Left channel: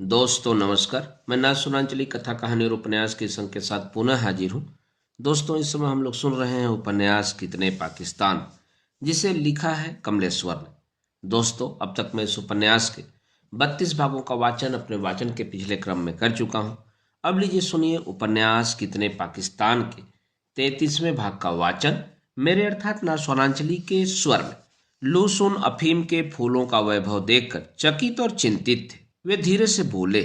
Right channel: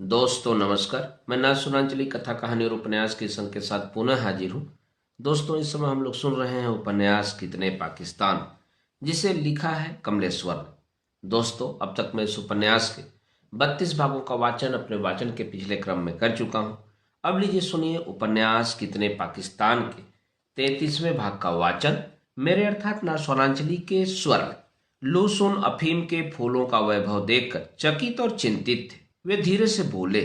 दोस्तों नमस्कार। मैं नासुरांचली कथा कहानी और उपन्यास के संग के साथ पुनः हाजिर हूँ। दोस्तों इस समय हम लोग सुन रहे हैं उपन्यास कितने पाकिस्तान, जिसे लिखा है कमलेश्वर। दोस्तों अब तक मैं इस उपन्यास के 32 भागों का वाचन अपने वाचन के पिछले क्रम में कर चुका हूँ। अब लीजिए सुनिए उपन्यास कितने पाकिस्तान के 33वें भाग का वाचन मेरे अर्थात नासुरांचली के स्वर में। लूसुन अफीम के फूलों का वैभव देखकर चकित और चिंतित थे। वे धीरे से बोले,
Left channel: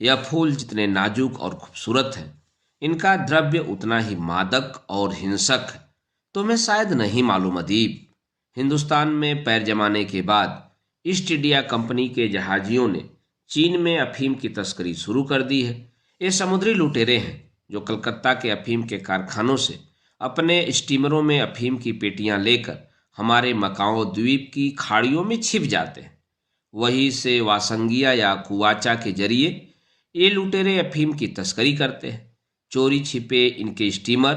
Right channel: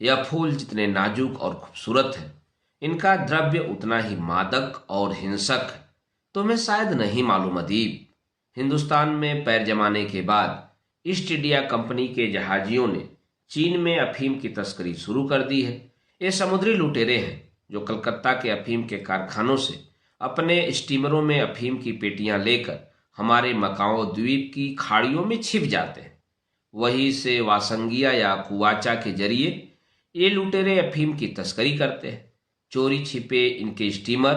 यह फूल जितने नाजुक और खूबसूरत है, इनका द्रव्य उतना ही मादक और हिंसक है। तुम्हें शायद नहीं मालूम अदीब, हिंदुस्तान में पैर जमाने के बाद ईस्ट इंडिया कंपनी के जहाजियों ने चीन में अफीम की तस्करी शुरू कर दी है। ये समुद्री लुटेरे हैं जो कलकत्ता के अफीम के कारखानों से अपने स्टीमरों में अफीम की पेटियां लेकर हमारे मकाओ द्वीप की खाड़ियों में छिप जाते हैं। वहीं से वासंगिया या कुआचा के जरिए ये लुटेरे अफीम की तस्करी करते हैं। चोरी छिपे इनके स्टीमर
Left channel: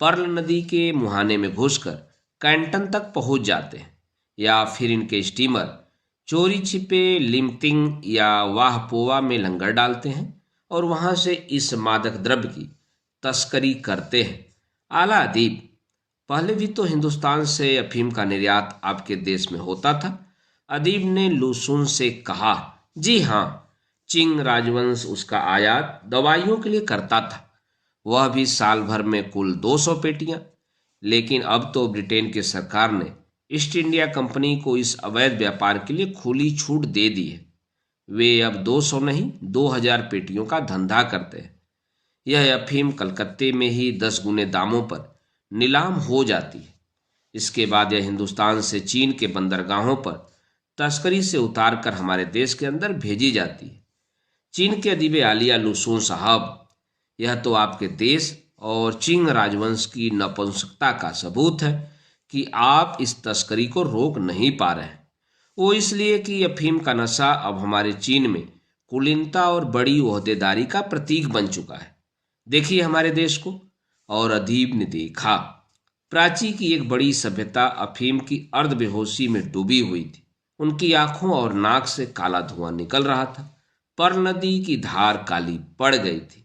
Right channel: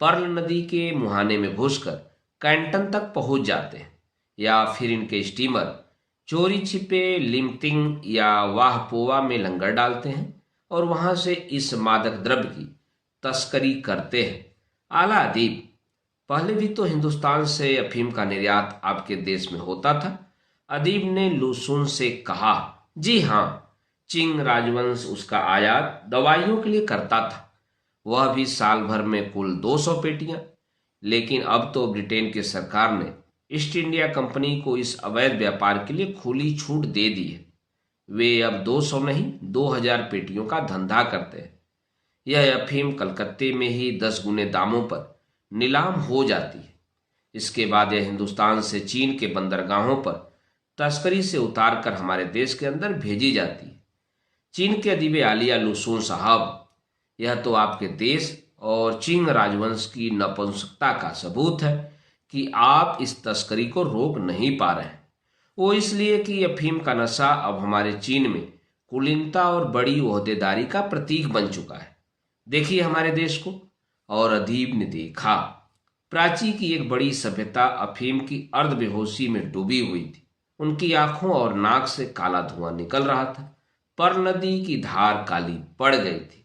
पर्ल नदी के मुहाने में घुसकर कैंटन तक पहुंच जाते हैं, या फिर इनके स्टीमर चोरी छिपे लिमतिंग या वाहपोवा में लंगर डालते हैं और वहां से इस मादक द्रव्य की तस्करी करते हैं। आला अदीब, पहले भी तो हिंदुस्तान से अफीम का निर्यात आपके देश में होता था। अदीब ने लुसुन से कहा। जी हाँ, चिंग राजवंश उसका आयात दवाइयों के लिए करता था, वह भी साल भर में कुल 200 पेटियां। लेकिन अब तो ब्रिटेन की सरकार ने ईस्ट इंडिया कंपनी को इस अवैध व्यापार के लिए खुली छूट दे दी है। वे अब 200 नहीं 2000 पेटियों का धंधा करते हैं। यह अफीम कलकत्ते में ही 10 गुने दामों पर नीलाम हो जाती है। इसके बाद यह हिंदुस्तान से चीन के बंदरगाहों पर तस्करी से उतार कर हमारे देश के अंदर भेजी जाती है। चीन के अदीब आलिया लुसून साहब, यह तो आपके देश और चिंग राजवंश की नपुंसकता का सबूत है कि आप इस तस्करी को रोक नहीं पा रहे हैं। वो इसलिए कि अफीम का नशा अब हमारे चीन में कुलीनता और बड़ी ओहदेदारी का प्रतीक बन चुका है। देखिए हमारे देश को। और अदीब ने देखा। प्राची की एक बड़ी सभ्यता अफीम की अर्ध बेहोशी में डूबी हुई थी। उनकी आंखों और नाक से काला धुआं निकल रहा था। पर नदी की धार काली पड़ गई थी।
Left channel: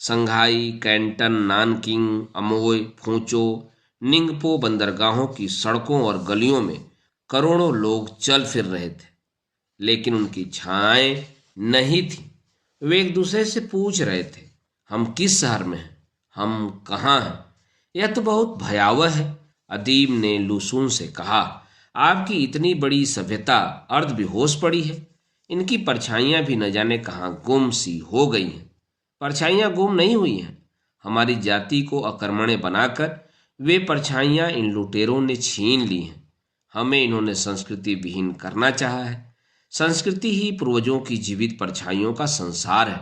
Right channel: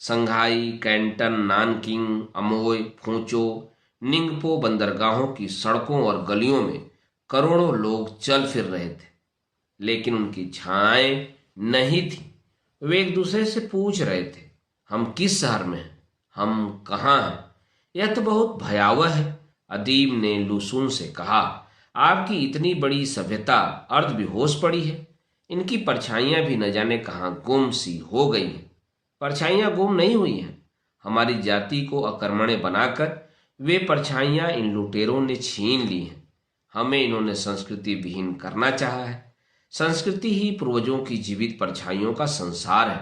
संघाई, कैंटन, नानकिंग, अमोय, फूचो, निंगपो बंदरगाहों की सड़कों और गलियों में करोड़ों लोग चल फिर रहे थे, लेकिन उनकी छाएं नहीं थी। वे एक दूसरे से पूछ रहे थे, हम किस शहर में हैं, हम कहाँ हैं। यह तो बहुत भयावह है। अदीब ने लुसून से कहा, आपकी इतनी बड़ी सभ्यता अर्ध बेहोश पड़ी है। इनकी परछाइयां भी न जाने कहाँ गुम सी हो गई हैं। परछाइयां गुम नहीं हुई हैं, हमारी जाति को अकर्मण्य बनाकर वे परछाइयां इन लुटेरों ने छीन ली हैं। हमें इन्होंने संस्कृति विहीन करना चाहा है। संस्कृति ही पूर्वजों की जीवित परछाइयों का संसार है।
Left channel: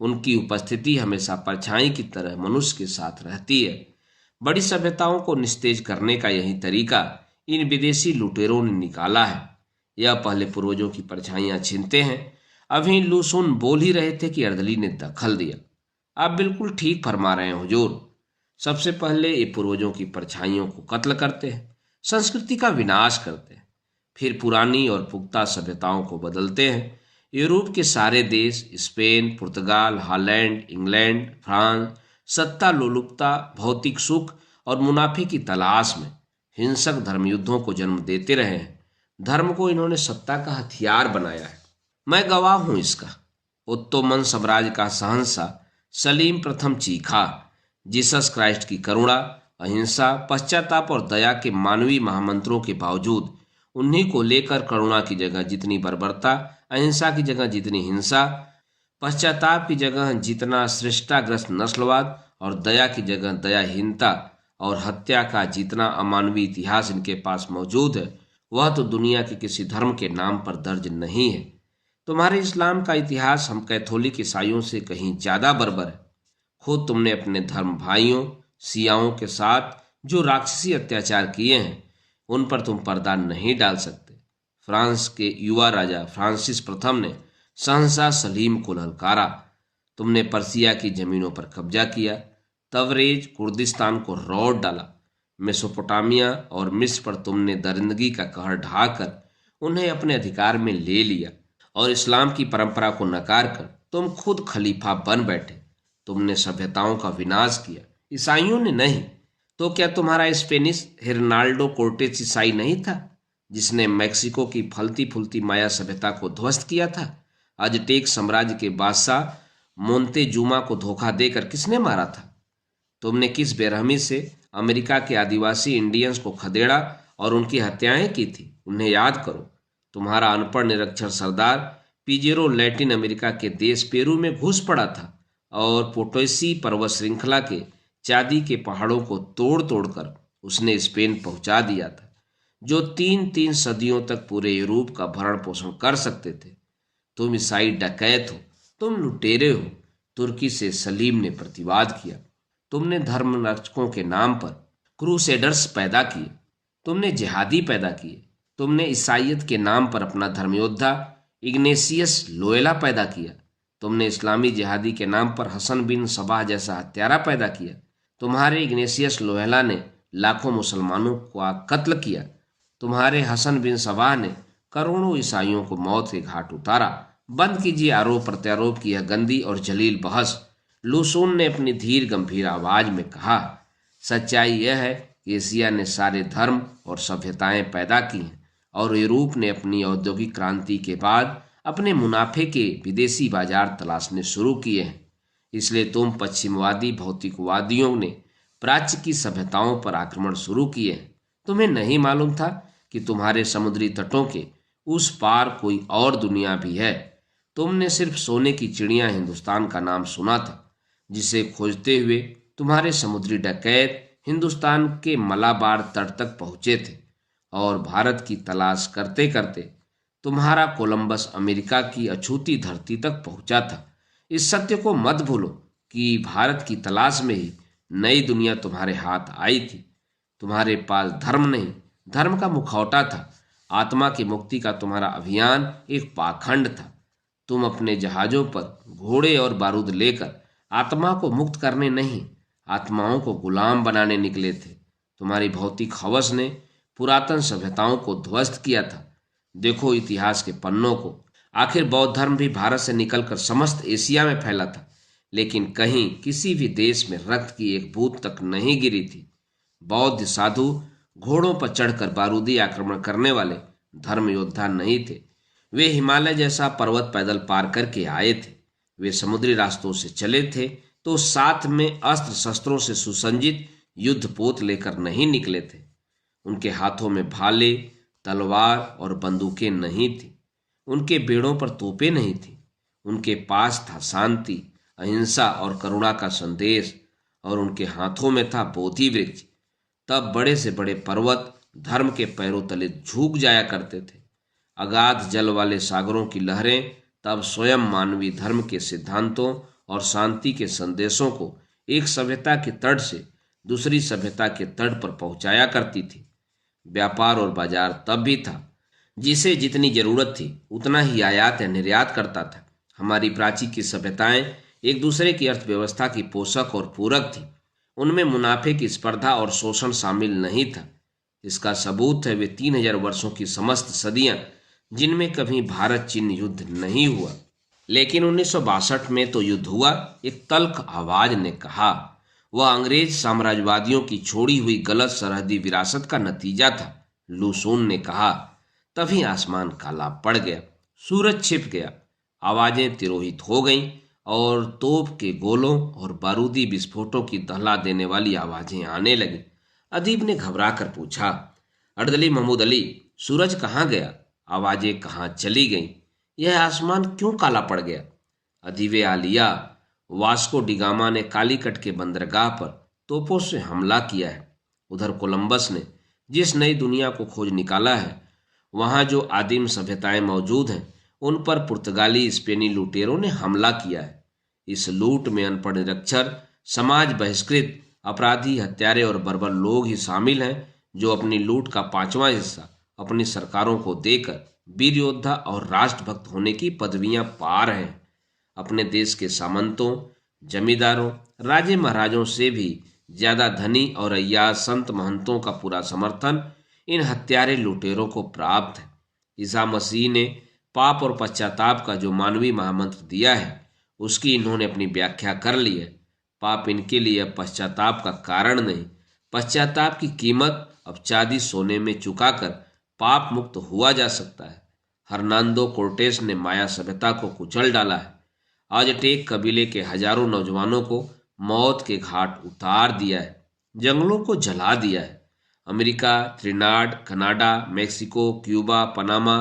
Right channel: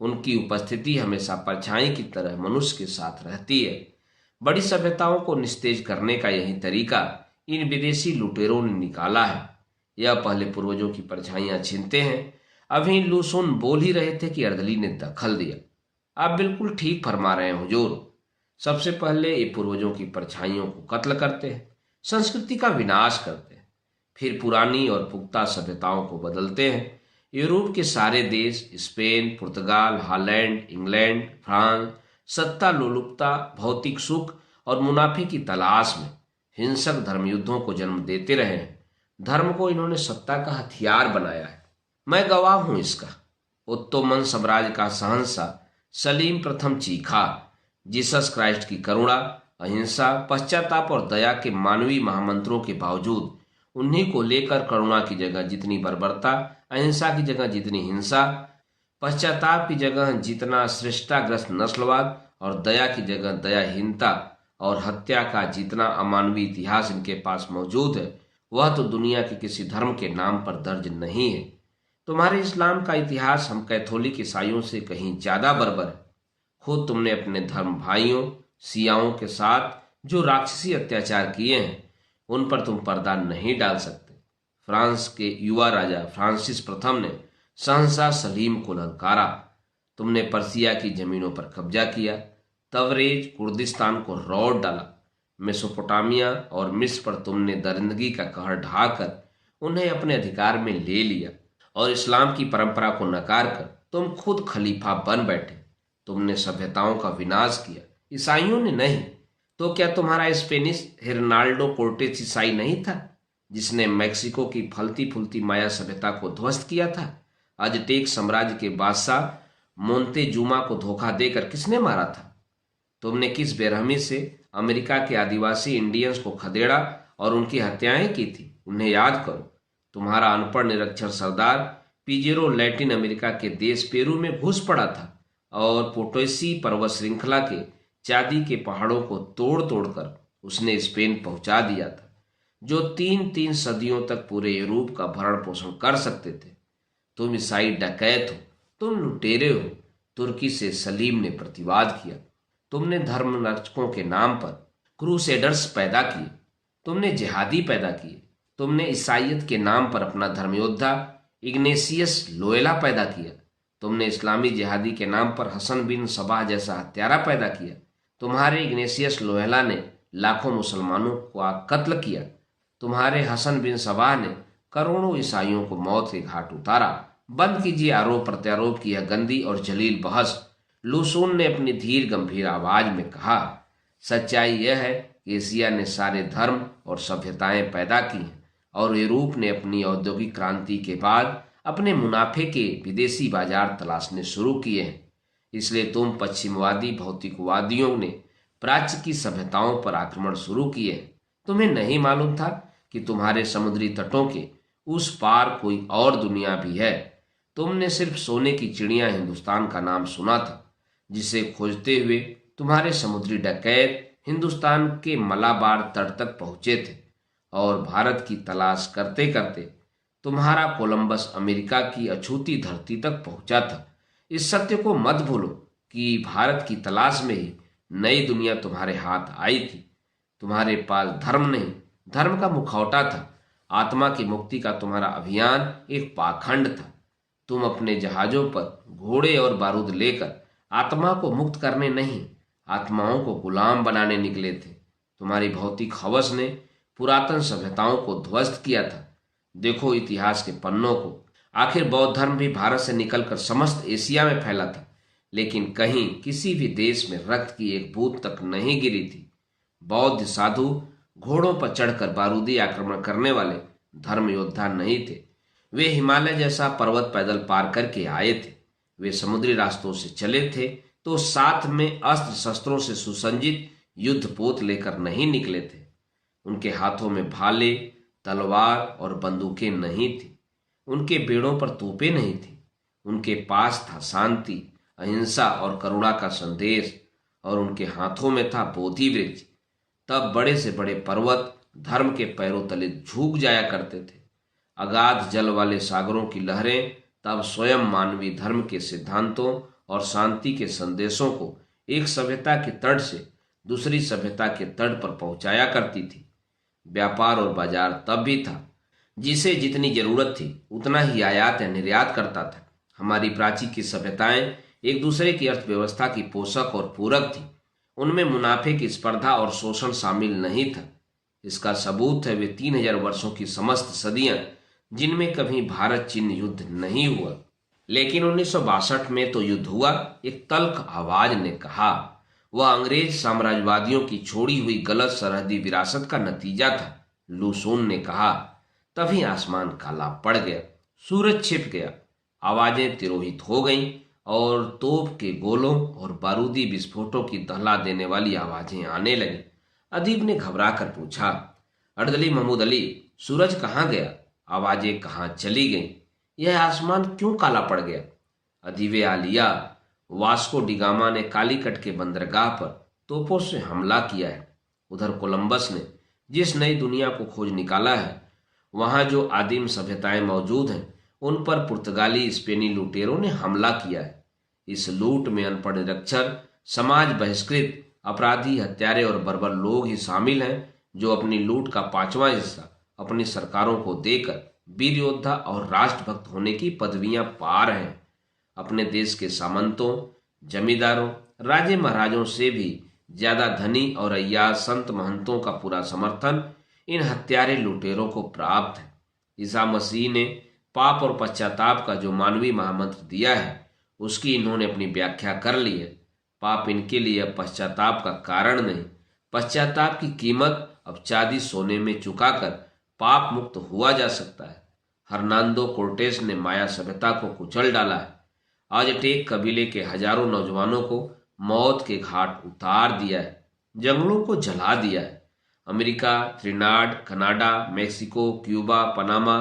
उनकी उपस्थिति हमेशा परछाई की तरह मनुष्य के साथ रहती है। बड़ी सभ्यताओं को निस्तेज करने का यही तरीका इन विदेशी लुटेरों ने निकाला है। यह पहले पूर्वजों की परछाइयां छीनते हैं। अभी लुसून बोल ही रहे थे कि अर्दली ने दखल दिया। आप बिल्कुल ठीक फरमा रहे हैं हुजूर। सबसे पहले ये पूर्वजों की परछाइयों को कत्ल करते हैं, संस्कृति का विनाश करते हैं, फिर पुरानी और पुख्ता सभ्यताओं को बदलते हैं। यूरोप के सारे देश, स्पेन, पुर्तगाल, हॉलैंड, इंग्लैंड, फ्रांस, सत्ता लोलुपता, भौतिक सुख और मुनाफे की तलाश में हिंसक धर्मयुद्धों को जन्म देते रहे हैं। धर्म को इन्होंने सत्ता का हथियार बनाया है। मैं गवाह हूं इसका। ओत्तोमन साम्राज्य का शहंशाह सलीम प्रथम चीखा। जीसस क्राइस्ट की करुणा, अहिंसा, पश्चाताप और दया के मानवीय महामंत्रों के बावजूद उन्हीं को लेकर करुणा की जगह जितनी बर्बरता, अहिंसा की जगह जितनी हिंसा, पश्चाताप की जगह जितना श्रेष्ठाग्रस्त नस्लवाद और दया की जगह दयाहीनता और हत्या का जितना अमानवीय इतिहास इनके पास मौजूद है, वह तो दुनिया के किसी धर्म के नाम पर दर्ज नहीं है। तुम्हारे इस्लाम का इतिहास हम कैथोलिक ईसाइयों से कहीं ज्यादा बर्बर है। खुद तुमने अपने धर्म भाइयों सियाओं के साथ जो राक्षसी अत्याचार किए हैं, उन पर तुम पर्दा नहीं डाल सकते। फ्रांस के युवा राजा फ्रांसिस प्रथम ने शहंशाह सलीम को ललकारा। तुमने पर्सिया की जमीनों पर कब्जा किया, तवरेज कुर्दिस्तान को रौंद डाला। मेसोपोटामिया और मिस्र पर तुमने दरिंदगी का कहर ढाकर उन्हें अपने अधिकार में ले लिया और इस्लाम की परंपरा को नकार कर तुम खुद खलीफा बन बैठे। तुमने सभ्यताओं का विनाश किया, ईसाइयों ने नहीं। तो क्या तुम्हारा स्पेनिश हिरनाल्डो कोर्टेस ईसाई नहीं था, जिसने मैक्सिको की फलती फूलती माया सभ्यता को ध्वस्त किया था? अजटेक साम्राज्य के बादशाह मोन्तेजुमा को धोखा देकर किसने मारा था? तुमने किस बेरहमी से अमेरिका के आदिवासी इंडियंस को खदेड़ा और उनकी हत्याएं की थी? उन्हें याद करो। तुम्हारा अनपढ़ निरक्षर सरदार पिजेरो लैटिन अमेरिका के देश पेरू में घुस पड़ा था और पोटोसी पर्वत श्रृंखला के चांदी के पहाड़ों को तोड़ तोड़कर उसने स्पेन पहुंचा दिया था, जो 3-3 सदियों तक पूरे यूरोप का भरण पोषण कर सकते थे। तुम ईसाई डकैत हो, तुम लुटेरे हो। तुर्की से सलीम ने प्रतिवाद किया। तुमने धर्मरक्षकों के नाम पर क्रूसेडर्स पैदा किए, तुमने जिहादी पैदा किए। तुमने ईसाइयत के नाम पर अपना धर्मयोद्धा इग्नेशियस लोयला पैदा किया। तुमने इस्लामी जिहादी के नाम पर हसन बिन सबाह जैसा हत्यारा पैदा किया। तुम्हारे इग्नेशियस लोयला ने लाखों मुसलमानों का कत्ल किया। तुम्हारे हसन बिन सबाह ने करोड़ों ईसाइयों को मौत के घाट उतारा। बंद कीजिए आरोप प्रत्यारोप की यह गंदी और जलील बहस। लूसून ने अपनी धीर गंभीर आवाज में कहा, सच्चाई यह है कि एशिया ने सारे धर्म और सभ्यताएं पैदा की हैं और यूरोप ने अपनी औद्योगिक क्रांति के बाद अपने मुनाफे के विदेशी बाजार तलाशने शुरू किए हैं। इसलिए तुम पश्चिमवादी भौतिकवादियों ने प्राच्य की सभ्यताओं पर आक्रमण शुरू किए हैं। तुम्हें नहीं मालूम था कि तुम्हारे समुद्री तटों के उस पार कोई और दुनिया भी है। तुमने सिर्फ सोने की चिड़िया हिंदुस्तान का नाम सुना था, जिसे खोजते हुए तुम्हारे समुद्री डकैत हिंदुस्तान के मलाबार तट तक पहुंचे थे और भारत की तलाश करते करते तुम्हारा कोलंबस अमेरिका की अछूती धरती तक पहुंचा था। इस सत्य को मत भूलो कि भारत की तलाश में ही नई दुनिया तुम्हारे हाथ आई थी। तुम्हारे पास धर्म नहीं, धर्म का मुखौटा था। आत्मा की मुक्ति का तुम्हारा अभियान एक पाखंड था। तुम अपने जहाजों पर घोड़े और बारूद लेकर आत्मा को मुक्त करने नहीं, आत्माओं को गुलाम बनाने निकले थे। तुम्हारी भौतिक हवस ने पुरातन सभ्यताओं को ध्वस्त किया था। देखो इतिहास के पन्नों को। आखिर बौद्ध धर्म भी भारत से निकलकर समस्त एशिया में फैला था, लेकिन कहीं किसी भी देश में रक्त की एक बूंद तक नहीं गिरी थी। बौद्ध साधु घोड़ों पर चढ़कर बारूदी आक्रमण करने वाले धर्म योद्धा नहीं थे। वे हिमालय जैसा पर्वत पैदल पार करके आए थे। वे समुद्री रास्तों से चले थे तो साथ में अस्त्र शस्त्रों से सुसज्जित युद्धपोत लेकर नहीं निकले थे। उनके हाथों में भाले, तलवार और बंदूकें नहीं थी। उनके बेड़ों पर तोपें नहीं थी। उनके पास था शांति, अहिंसा और करुणा का संदेश, और उनके हाथों में था बोधि वृक्ष। तब बड़े से बड़े पर्वत धर्म के पैरों तले झुक जाया करते थे। अगाध जल वाले सागरों की लहरें तब स्वयं मानवीय धर्म के सिद्धांतों और शांति के संदेशों को एक सभ्यता के तट से दूसरी सभ्यता के तट पर पहुंचाया करती थी। व्यापार और बाजार तब भी था। जिसे जितनी जरूरत थी उतना ही आयात या निर्यात करता था। हमारी प्राचीन की सभ्यताएं एक दूसरे की अर्थव्यवस्था की पोषक और पूरक थी। उनमें मुनाफे की स्पर्धा और शोषण शामिल नहीं था। इसका सबूत है वे 3000 वर्षों की समस्त सदियां, जिनमें कभी भारत चीन युद्ध नहीं हुआ। लेकिन 1962 में तो युद्ध हुआ, एक तल्ख आवाज ने कहा। वह अंग्रेज साम्राज्यवादियों की छोड़ी हुई गलत सरहदी विरासत का नतीजा था, लूसून ने कहा। तभी आसमान काला पड़ गया, सूरज छिप गया, आवाजें तिरोहित हो गईं और तोप के गोलों और बारूदी विस्फोटों की दहला देने वाली आवाजें आने लगीं। अदीब ने घबरा कर पूछा, अर्दली महमूद अली, सूरज कहाँ गया? आवाजें कहाँ चली गईं? यह आसमान क्यों काला पड़ गया? अदीबे आलिया, वास्को डिगामा ने कालीकट के बंदरगाह पर तोपों से हमला किया है। उधर कोलंबस ने जिस नई दुनिया को खोज निकाला है, वहां जो आदिम सभ्यताएं मौजूद हैं, उन पर पुर्तगाली स्पेनी लुटेरों ने हमला किया है। इस लूट में अनपढ़ निरक्षर, समाज बहिष्कृत, अपराधी, हत्यारे और बर्बर लोग ही शामिल हैं, जो अपनी लूट का 5वां हिस्सा अपनी सरकारों को देकर वीर योद्धा और राष्ट्रभक्त होने की पदवियां पा रहे हैं। अपने देश के सामंतों, जमींदारों, राजे महाराजों से भी ज्यादा धनी और अय्याज संत महंतों का पूरा समर्थन इन हत्यारे लुटेरों को प्राप्त है। ईसा मसीह ने पाप और पश्चाताप का जो मानवीय महामंत्र दिया है उसकी इन्होंने अपनी व्याख्या कर ली है। पाप इनके लिए अब पश्चाताप का कारण नहीं, पश्चाताप की कीमत अब चांदी सोने में चुकाकर पाप मुक्त हुआ जा सकता है। हर्नांडो कोर्टेस ने माया सभ्यता को कुचल डाला है। अजटेक कबीले के हजारों नौजवानों को मौत के घाट उतार दिया है, जंगलों को जला दिया है। America, Trinidad, Canada, Mexico, Cuba, Panama,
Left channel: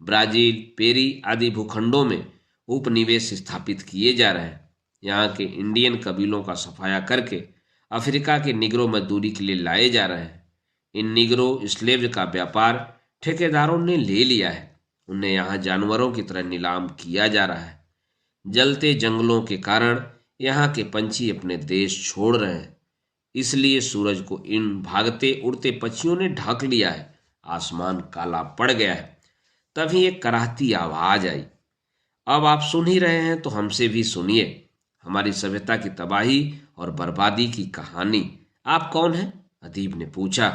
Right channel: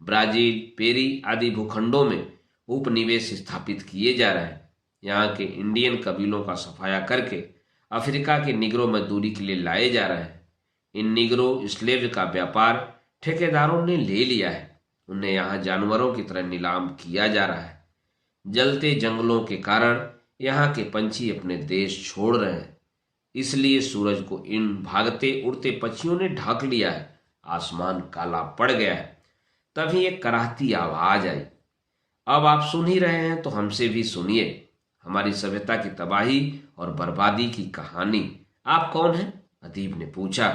Brazil, Peru आदि भूखंडों में उपनिवेश स्थापित किए जा रहे हैं। यहाँ के इंडियन कबीलों का सफाया करके अफ्रीका के निगरो मजदूरी के लिए लाए जा रहे हैं। इन निगरो स्लेव का व्यापार ठेकेदारों ने ले लिया है। उन्हें यहाँ जानवरों की तरह नीलाम किया जा रहा है। जलते जंगलों के कारण यहाँ के पंछी अपने देश छोड़ रहे हैं, इसलिए सूरज को इन भागते उड़ते पक्षियों ने ढक लिया है। आसमान काला पड़ गया है। तभी एक कराहती आवाज आई। अब आप सुन ही रहे हैं तो हमसे भी सुनिए हमारी सभ्यता की तबाही और बर्बादी की कहानी। आप कौन हैं? अदीब ने पूछा।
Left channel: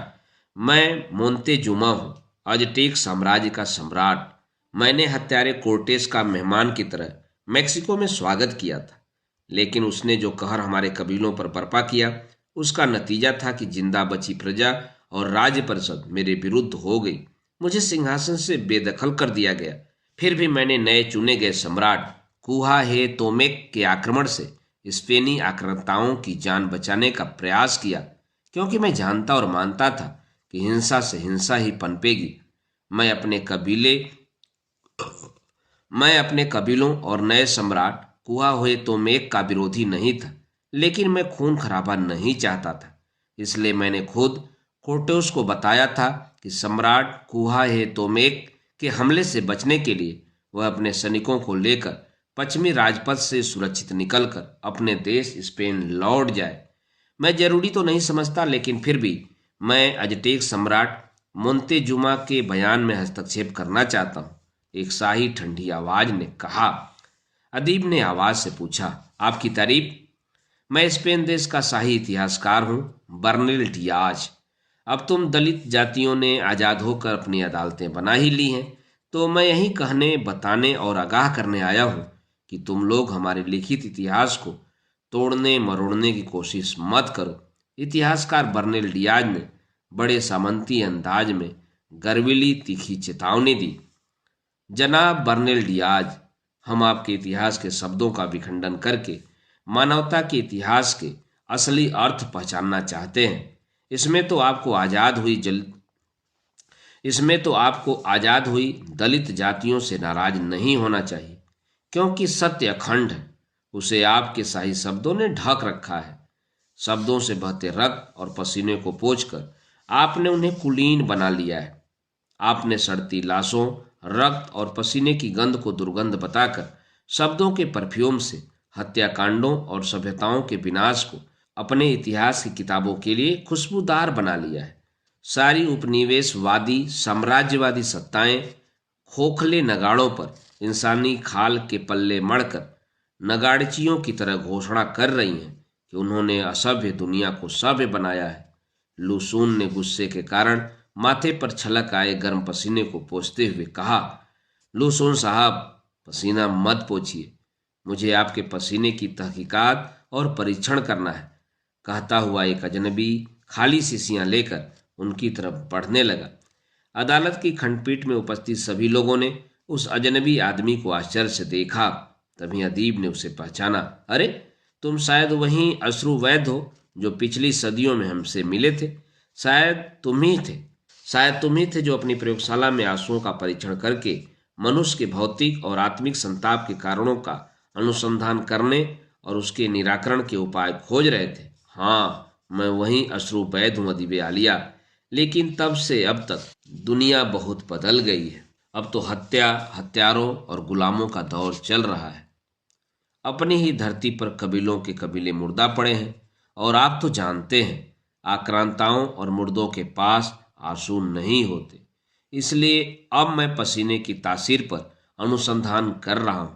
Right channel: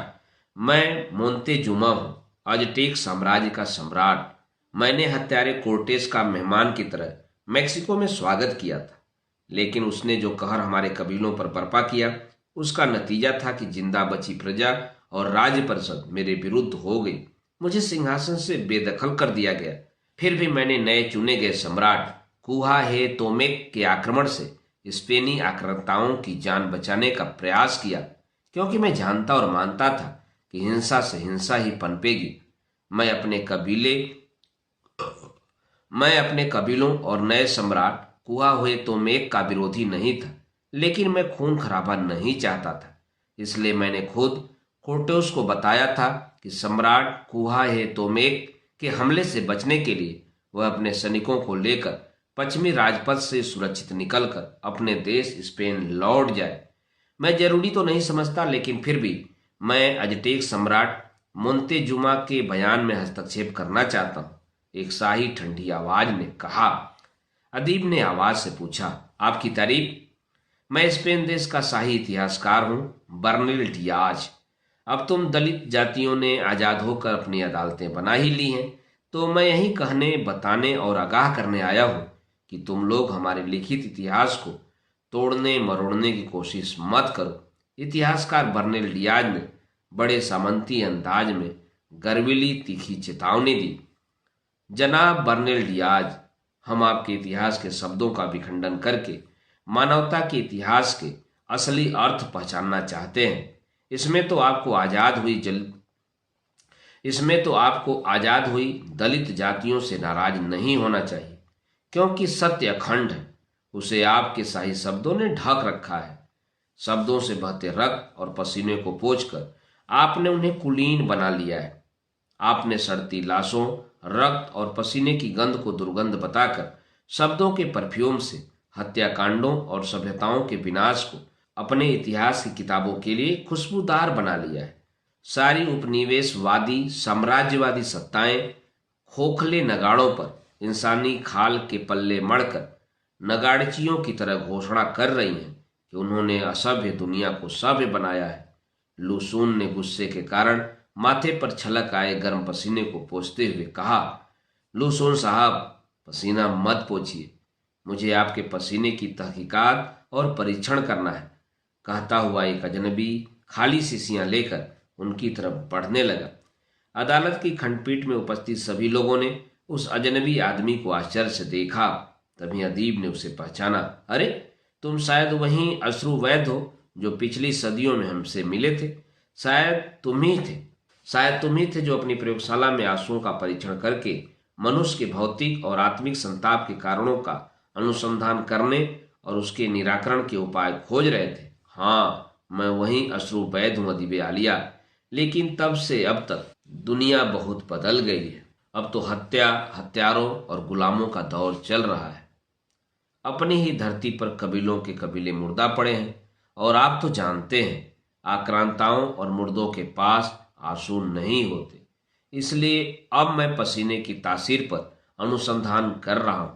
मैं मोंतेजुमा हूँ, अजटेक साम्राज्य का सम्राट। मैंने हत्यारे कोर्टेस का मेहमान की तरह मेक्सिको में स्वागत किया था, लेकिन उसने जो कहर हमारे कबीलों पर बर्पा किया उसका नतीजा था कि जिंदा बची प्रजा और राज्य परिषद मेरे विरुद्ध हो गई। मुझे सिंहासन से बेदखल कर दिया गया। फिर भी मैंने नए चुने गए सम्राट कुहा हे तोमेक के आक्रमण से स्पेनी आक्रांताओं की जान बचाने का प्रयास किया, क्योंकि मैं जानता और मानता था कि हिंसा से हिंसा ही पनपेगी। मैं अपने कबीलों और नए सम्राट कुहा हुए तोमेक का विरोधी नहीं था, लेकिन मैं खून खराबा नहीं चाहता था। इसलिए मैंने खुद कोर्टेस को बताया था कि सम्राट कुहा हे तोमेक के हमले से बचने के लिए वह अपने सैनिकों को लेकर पश्चिमी राजपथ से सुरक्षित निकलकर अपने देश स्पेन लौट जाए। मैं जरूरी तो नहीं समझता, लेकिन फिर भी मैं अजटेक सम्राट मोंतेजुमा के बयान में हस्तक्षेप करना चाहता हूँ, एक शाही ठंडी आवाज ने कहा। अदीब ने आवाज से पूछा, आपकी तारीफ? मैं स्पेन देश का शाही इतिहासकार हूँ, बर्निल डियाज। अब तुम दलित जातियों ने आजाद होकर अपनी अदालतें बना ही ली हैं, तो मैं यही कहने, बताने और आगाह करने आया हूँ कि तुम लोग हमारे लिखित इतिहास को तोड़ने मरोड़ने की कोशिश मत करो। इतिहासकार बर्निल डियाज ने बड़े सामंती अंदाज में गर्वीली तीखी चेतावनी दी। जनाब बर्निल डियाज, हम आपके इतिहास के शब्दों का विखंडन करके मानवता के इतिहास के असली अर्थ पहचानना चाहते हैं। इसमें तो आपको आजाद हुई दलित जातियों से नाराज नहीं होना चाहिए, क्योंकि सत्य अखंड है। उसे आपके शाही शब्दों ने ढक रखा है। शब्दों से बहते रक्त और पसीने को पोंछकर आपने उन्हें कुलीन बना लिया है। आपने सड़ती लाशों, रक्त और पसीने की गंध को दुर्गंध बताकर शब्दों के परफ्यूम से हत्याकांडों और सभ्यताओं के विनाश को अपने इतिहास की किताबों के लिए खुशबूदार बना लिया है। सारी उपनिवेशवादी साम्राज्यवादी सत्ताएं खोखले नगाड़ों पर इंसानी खाल के पल्ले मढ़कर नगाड़चियों की तरह घोषणा कर रही हैं कि उन्होंने असभ्य दुनिया को सभ्य बनाया है। लुसून ने गुस्से के कारण माथे पर छलक आए गर्म पसीने को पोंछते हुए कहा, लुसून साहब, पसीना मत पोंछिए। मुझे आपके पसीने की तहकीकात और परीक्षण करना है। कहता हुआ एक अजनबी खाली शीशियां लेकर उनकी तरफ बढ़ने लगा। अदालत की खंडपीठ में उपस्थित सभी लोगों ने उस अजनबी आदमी को आश्चर्य से देखा। तभी अदीब ने उसे पहचाना। अरे, तुम शायद वही अश्रु वैद्य हो जो पिछली सदियों में हमसे मिले थे। शायद तुम ही थे जो अपनी प्रयोगशाला में आंसुओं का परीक्षण करके मनुष्य के भौतिक और आत्मिक संताप के कारणों का अनुसंधान करने और उसके निराकरण के उपाय खोज रहे थे। हाँ, मैं वही अश्रु वैद्य हूँ अदीब आलिया। लेकिन तब से अब तक दुनिया बहुत बदल गई है। अब तो हत्या, हत्यारों और गुलामों का दौर चल रहा है। अपनी ही धरती पर कबीलों के कबीले मुर्दा पड़े हैं, और आप तो जानते हैं आक्रांताओं और मुर्दों के पास आंसू नहीं होते। इसलिए अब मैं पसीने की तासीर पर अनुसंधान कर रहा हूँ।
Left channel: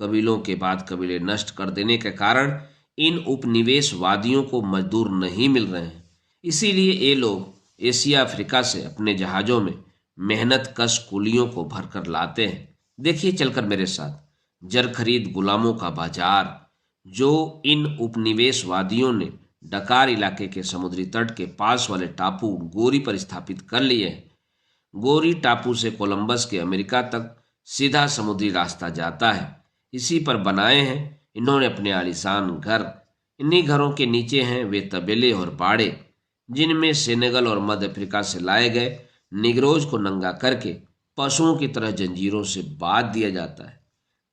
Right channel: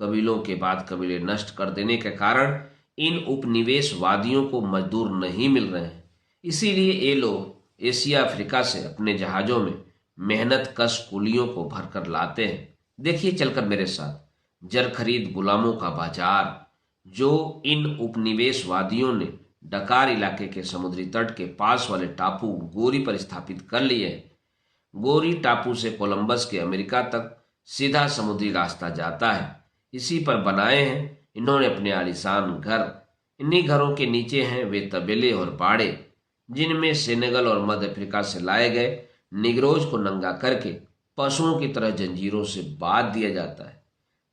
कबीलों के बाद कबीले नष्ट कर देने के कारण इन उपनिवेशवादियों को मजदूर नहीं मिल रहे हैं। इसीलिए ये लोग एशिया अफ्रीका से अपने जहाज़ों में मेहनत कश कुलियों को भरकर लाते हैं। देखिए चलकर मेरे साथ जर खरीद गुलामों का बाजार जो इन उपनिवेशवादियों ने डकार इलाके के समुद्री तट के पास वाले टापू गोरी पर स्थापित कर लिए हैं। गोरी टापू से कोलंबस के अमेरिका तक सीधा समुद्री रास्ता जाता है। इसी पर बनाए हैं इन्होंने अपने आलीशान घर। इन्हीं घरों के नीचे हैं वे तबेले और बाड़े जिनमें सेनेगल और मध्य अफ्रीका से लाए गए निग्रोज को नंगा करके पशुओं की तरह जंजीरों से बांध दिया जाता है।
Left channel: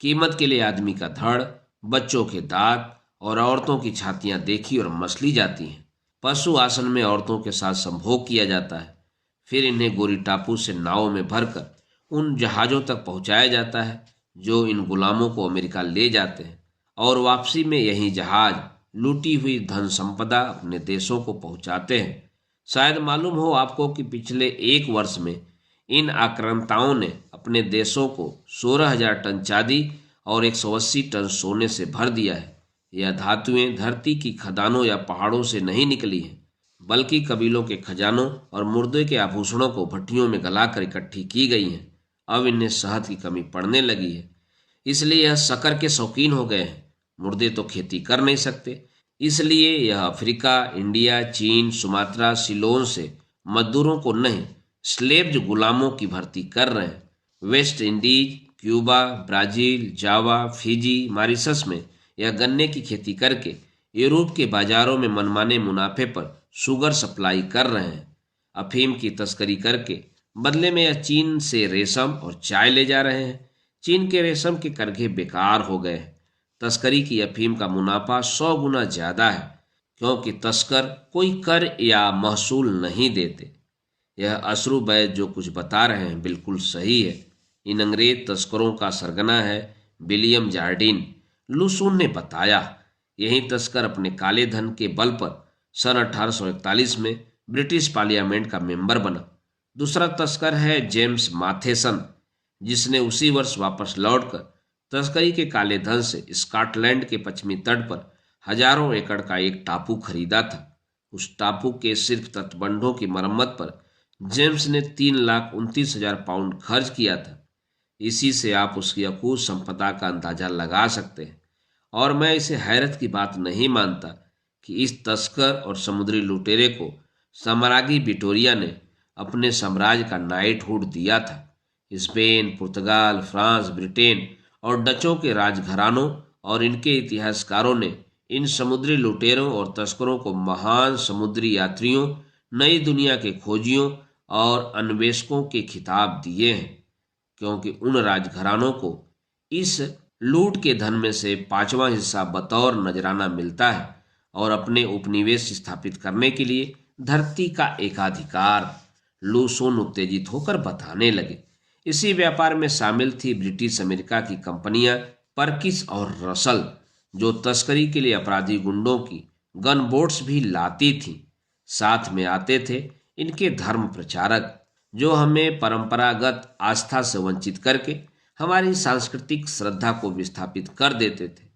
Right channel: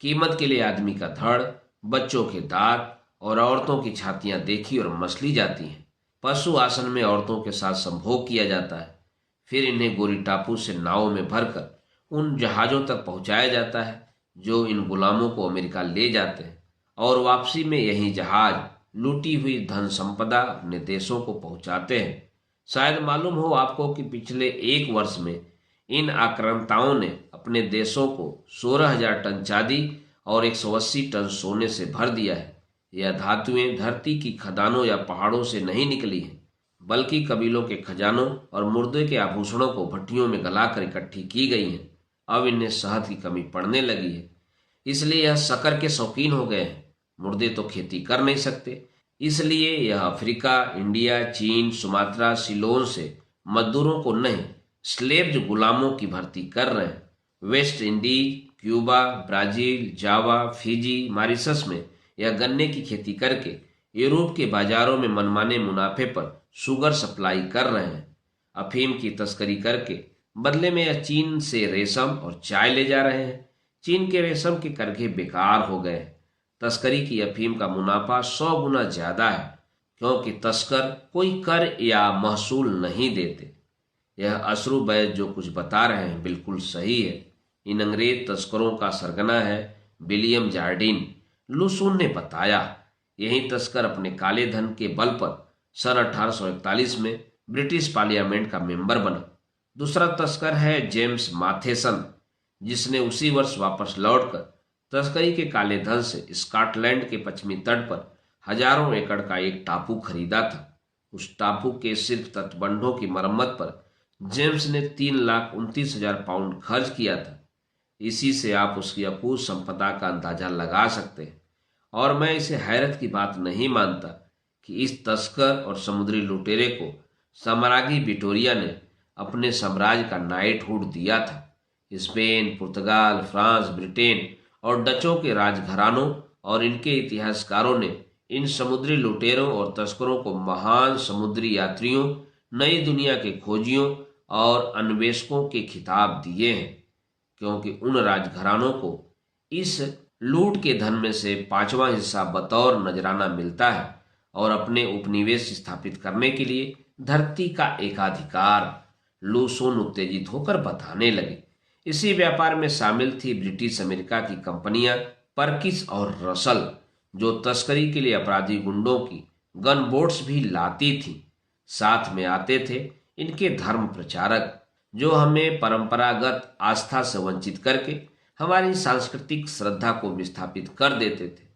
कीमत के लिए आदमी का धड़, बच्चों के दांत और औरतों की छातियां देखी और मसली जाती हैं। पशु आसन में औरतों के साथ संभोग किया जाता है। फिर इन्हें गोरी टापू से नावों में भरकर उन जहाज़ों तक पहुंचाया जाता है जो इन गुलामों को अमेरिका ले जाते हैं और वापसी में यही जहाज लूटी हुई धन संपदा अपने देशों को पहुंचाते हैं। शायद मालूम हो आपको कि पिछले एक वर्ष में इन आक्रांताओं ने अपने देशों को 16,000 टन चांदी और 180 टन सोने से भर दिया है। यह धातुएं धरती की खदानों या पहाड़ों से नहीं निकली हैं, बल्कि कबीलों के खजानों और मुर्दे के आभूषणों को भट्टियों में गलाकर इकट्ठी की गई हैं। अब इन्हें शहद की कमी पड़ने लगी है, इसलिए यह शक्कर के शौकीन हो गए हैं। मुर्दे तो खेती कर नहीं सकते, इसलिए यह अफ्रीका, इंडिया, चीन, सुमात्रा, सिलोन से मजदूरों को नहीं, स्लेव्ड गुलामों की भर्ती कर रहे हैं। वेस्ट इंडीज, क्यूबा, ब्राजील, जावा, फिजी, मॉरिशस में यह गन्ने की खेती करके यूरोप के बाजारों में मनमाने मुनाफे पर शुगर सप्लाई कर रहे हैं। अफीम की तस्करी करके बदले में यह चीन से रेशम और चाय ले जा रहे हैं। चीन के रेशम के करघे बेकार हो गए हैं। तस्करी की अफीम का मुनाफा 100 गुना ज्यादा है, क्योंकि तस्कर कोई कर या महसूल नहीं देते। यह अशरु बैद जो कुछ बता रहे हैं बिल्कुल सही है। इन अंग्रेज तस्करों का सरगना है विलियम जार्डिन। लुसून ने बताया, यही तस्कर अपने काले धन के बल पर सन 1841 में ब्रिटिश पार्लियामेंट का मेंबर बना। दूसरा तस्कर है जेम्स माथेसन, जिसने उसी वर्ष वापस लौटकर तस्करी के काले धन से स्कॉटलैंड के पश्चिमी तट पर हजारों एकड़ का एक टापू खरीदा था। उस टापू के सिर्फ तटबंधों की मरम्मत पर जेम्स ने 3,29,000 पाउंड खर्च किया था। इसी से आप उसकी अकूत संपदा का अंदाजा लगा सकते हैं। और मैं इसे हैरत की बात नहीं मानता कि इस तस्कर और समुद्री लुटेरे को साम्राज्ञी विक्टोरिया ने अपने साम्राज्य का नाइटहुड दिया था। स्पेन, पुर्तगाल, फ्रांस, ब्रिटेन और डचों के राजघरानों और इनके इतिहासकारों ने इन समुद्री लुटेरों और तस्करों को महान समुद्री यात्रियों, नई दुनिया के खोजियों और अन्वेषकों के खिताब दिए हैं, क्योंकि उन राजघरानों को इस लूट के धन में से 5वां हिस्सा बतौर नजराना मिलता है और अपने उपनिवेश स्थापित करने के लिए धरती का एकाधिकार। लूसून उत्तेजित होकर बताने लगे। इसी व्यापार में शामिल थी ब्रिटिश अमेरिका की कंपनियां परकिस और रसल, जो तस्करी के लिए अपराधी गुंडों की गन बोट्स भी लाती थी। साथ में आते थे इनके धर्म प्रचारक, जो हमें परंपरागत आस्था से वंचित करके हमारी सांस्कृतिक श्रद्धा को विस्थापित कर देते थे।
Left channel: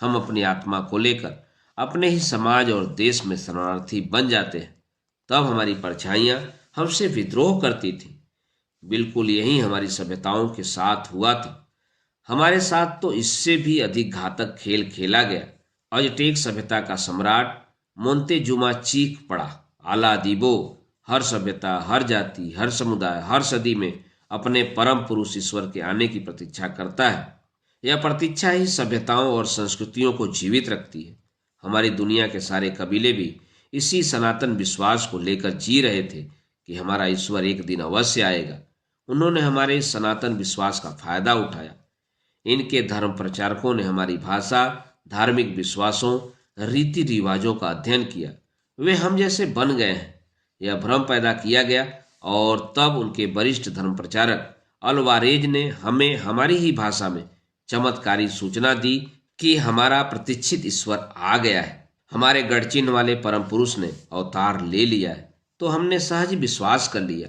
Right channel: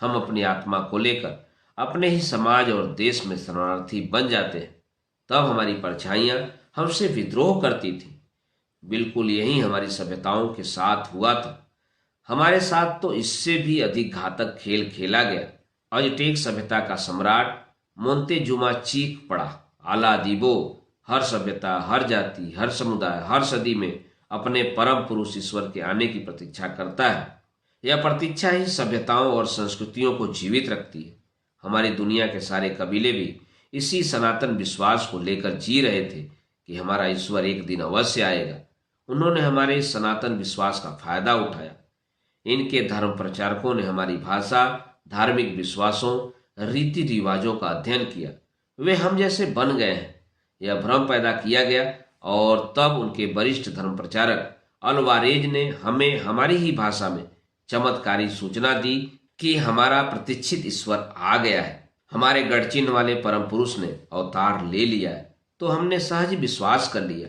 हम अपनी आत्मा को लेकर अपने ही समाज और देश में शरणार्थी बन जाते हैं। तब हमारी परछाइयां हमसे विद्रोह करती थी। बिल्कुल यही हमारी सभ्यताओं के साथ हुआ था। हमारे साथ तो इससे भी अधिक घातक खेल खेला गया। अजटेक सभ्यता का सम्राट मोंतेजुमा चीख पड़ा, आला दीबो, हर सभ्यता, हर जाति, हर समुदाय, हर सदी में अपने परम पुरुष ईश्वर के आने की प्रतीक्षा करता है। यह प्रतीक्षा ही सभ्यताओं और संस्कृतियों को जीवित रखती है। हमारी दुनिया के सारे कबीले भी इसी सनातन विश्वास को लेकर जी रहे थे कि हमारा ईश्वर एक दिन अवश्य आएगा। उन्होंने हमारे इस सनातन विश्वास का फायदा उठाया। इनके धर्म प्रचारकों ने हमारी भाषा, धार्मिक विश्वासों, रीति रिवाजों का अध्ययन किया। वे हम जैसे बन गए हैं, यह भ्रम पैदा किया गया और तब उनके वरिष्ठ धर्म प्रचारक अलवारेज ने हमें हमारी ही भाषा में चमत्कारी सूचना दी कि हमारा प्रतीक्षित ईश्वर आ गया है, हमारे गढ़चिन्ह वाले परम पुरुष ने अवतार ले लिया है। तो हमने सहज विश्वास कर लिया।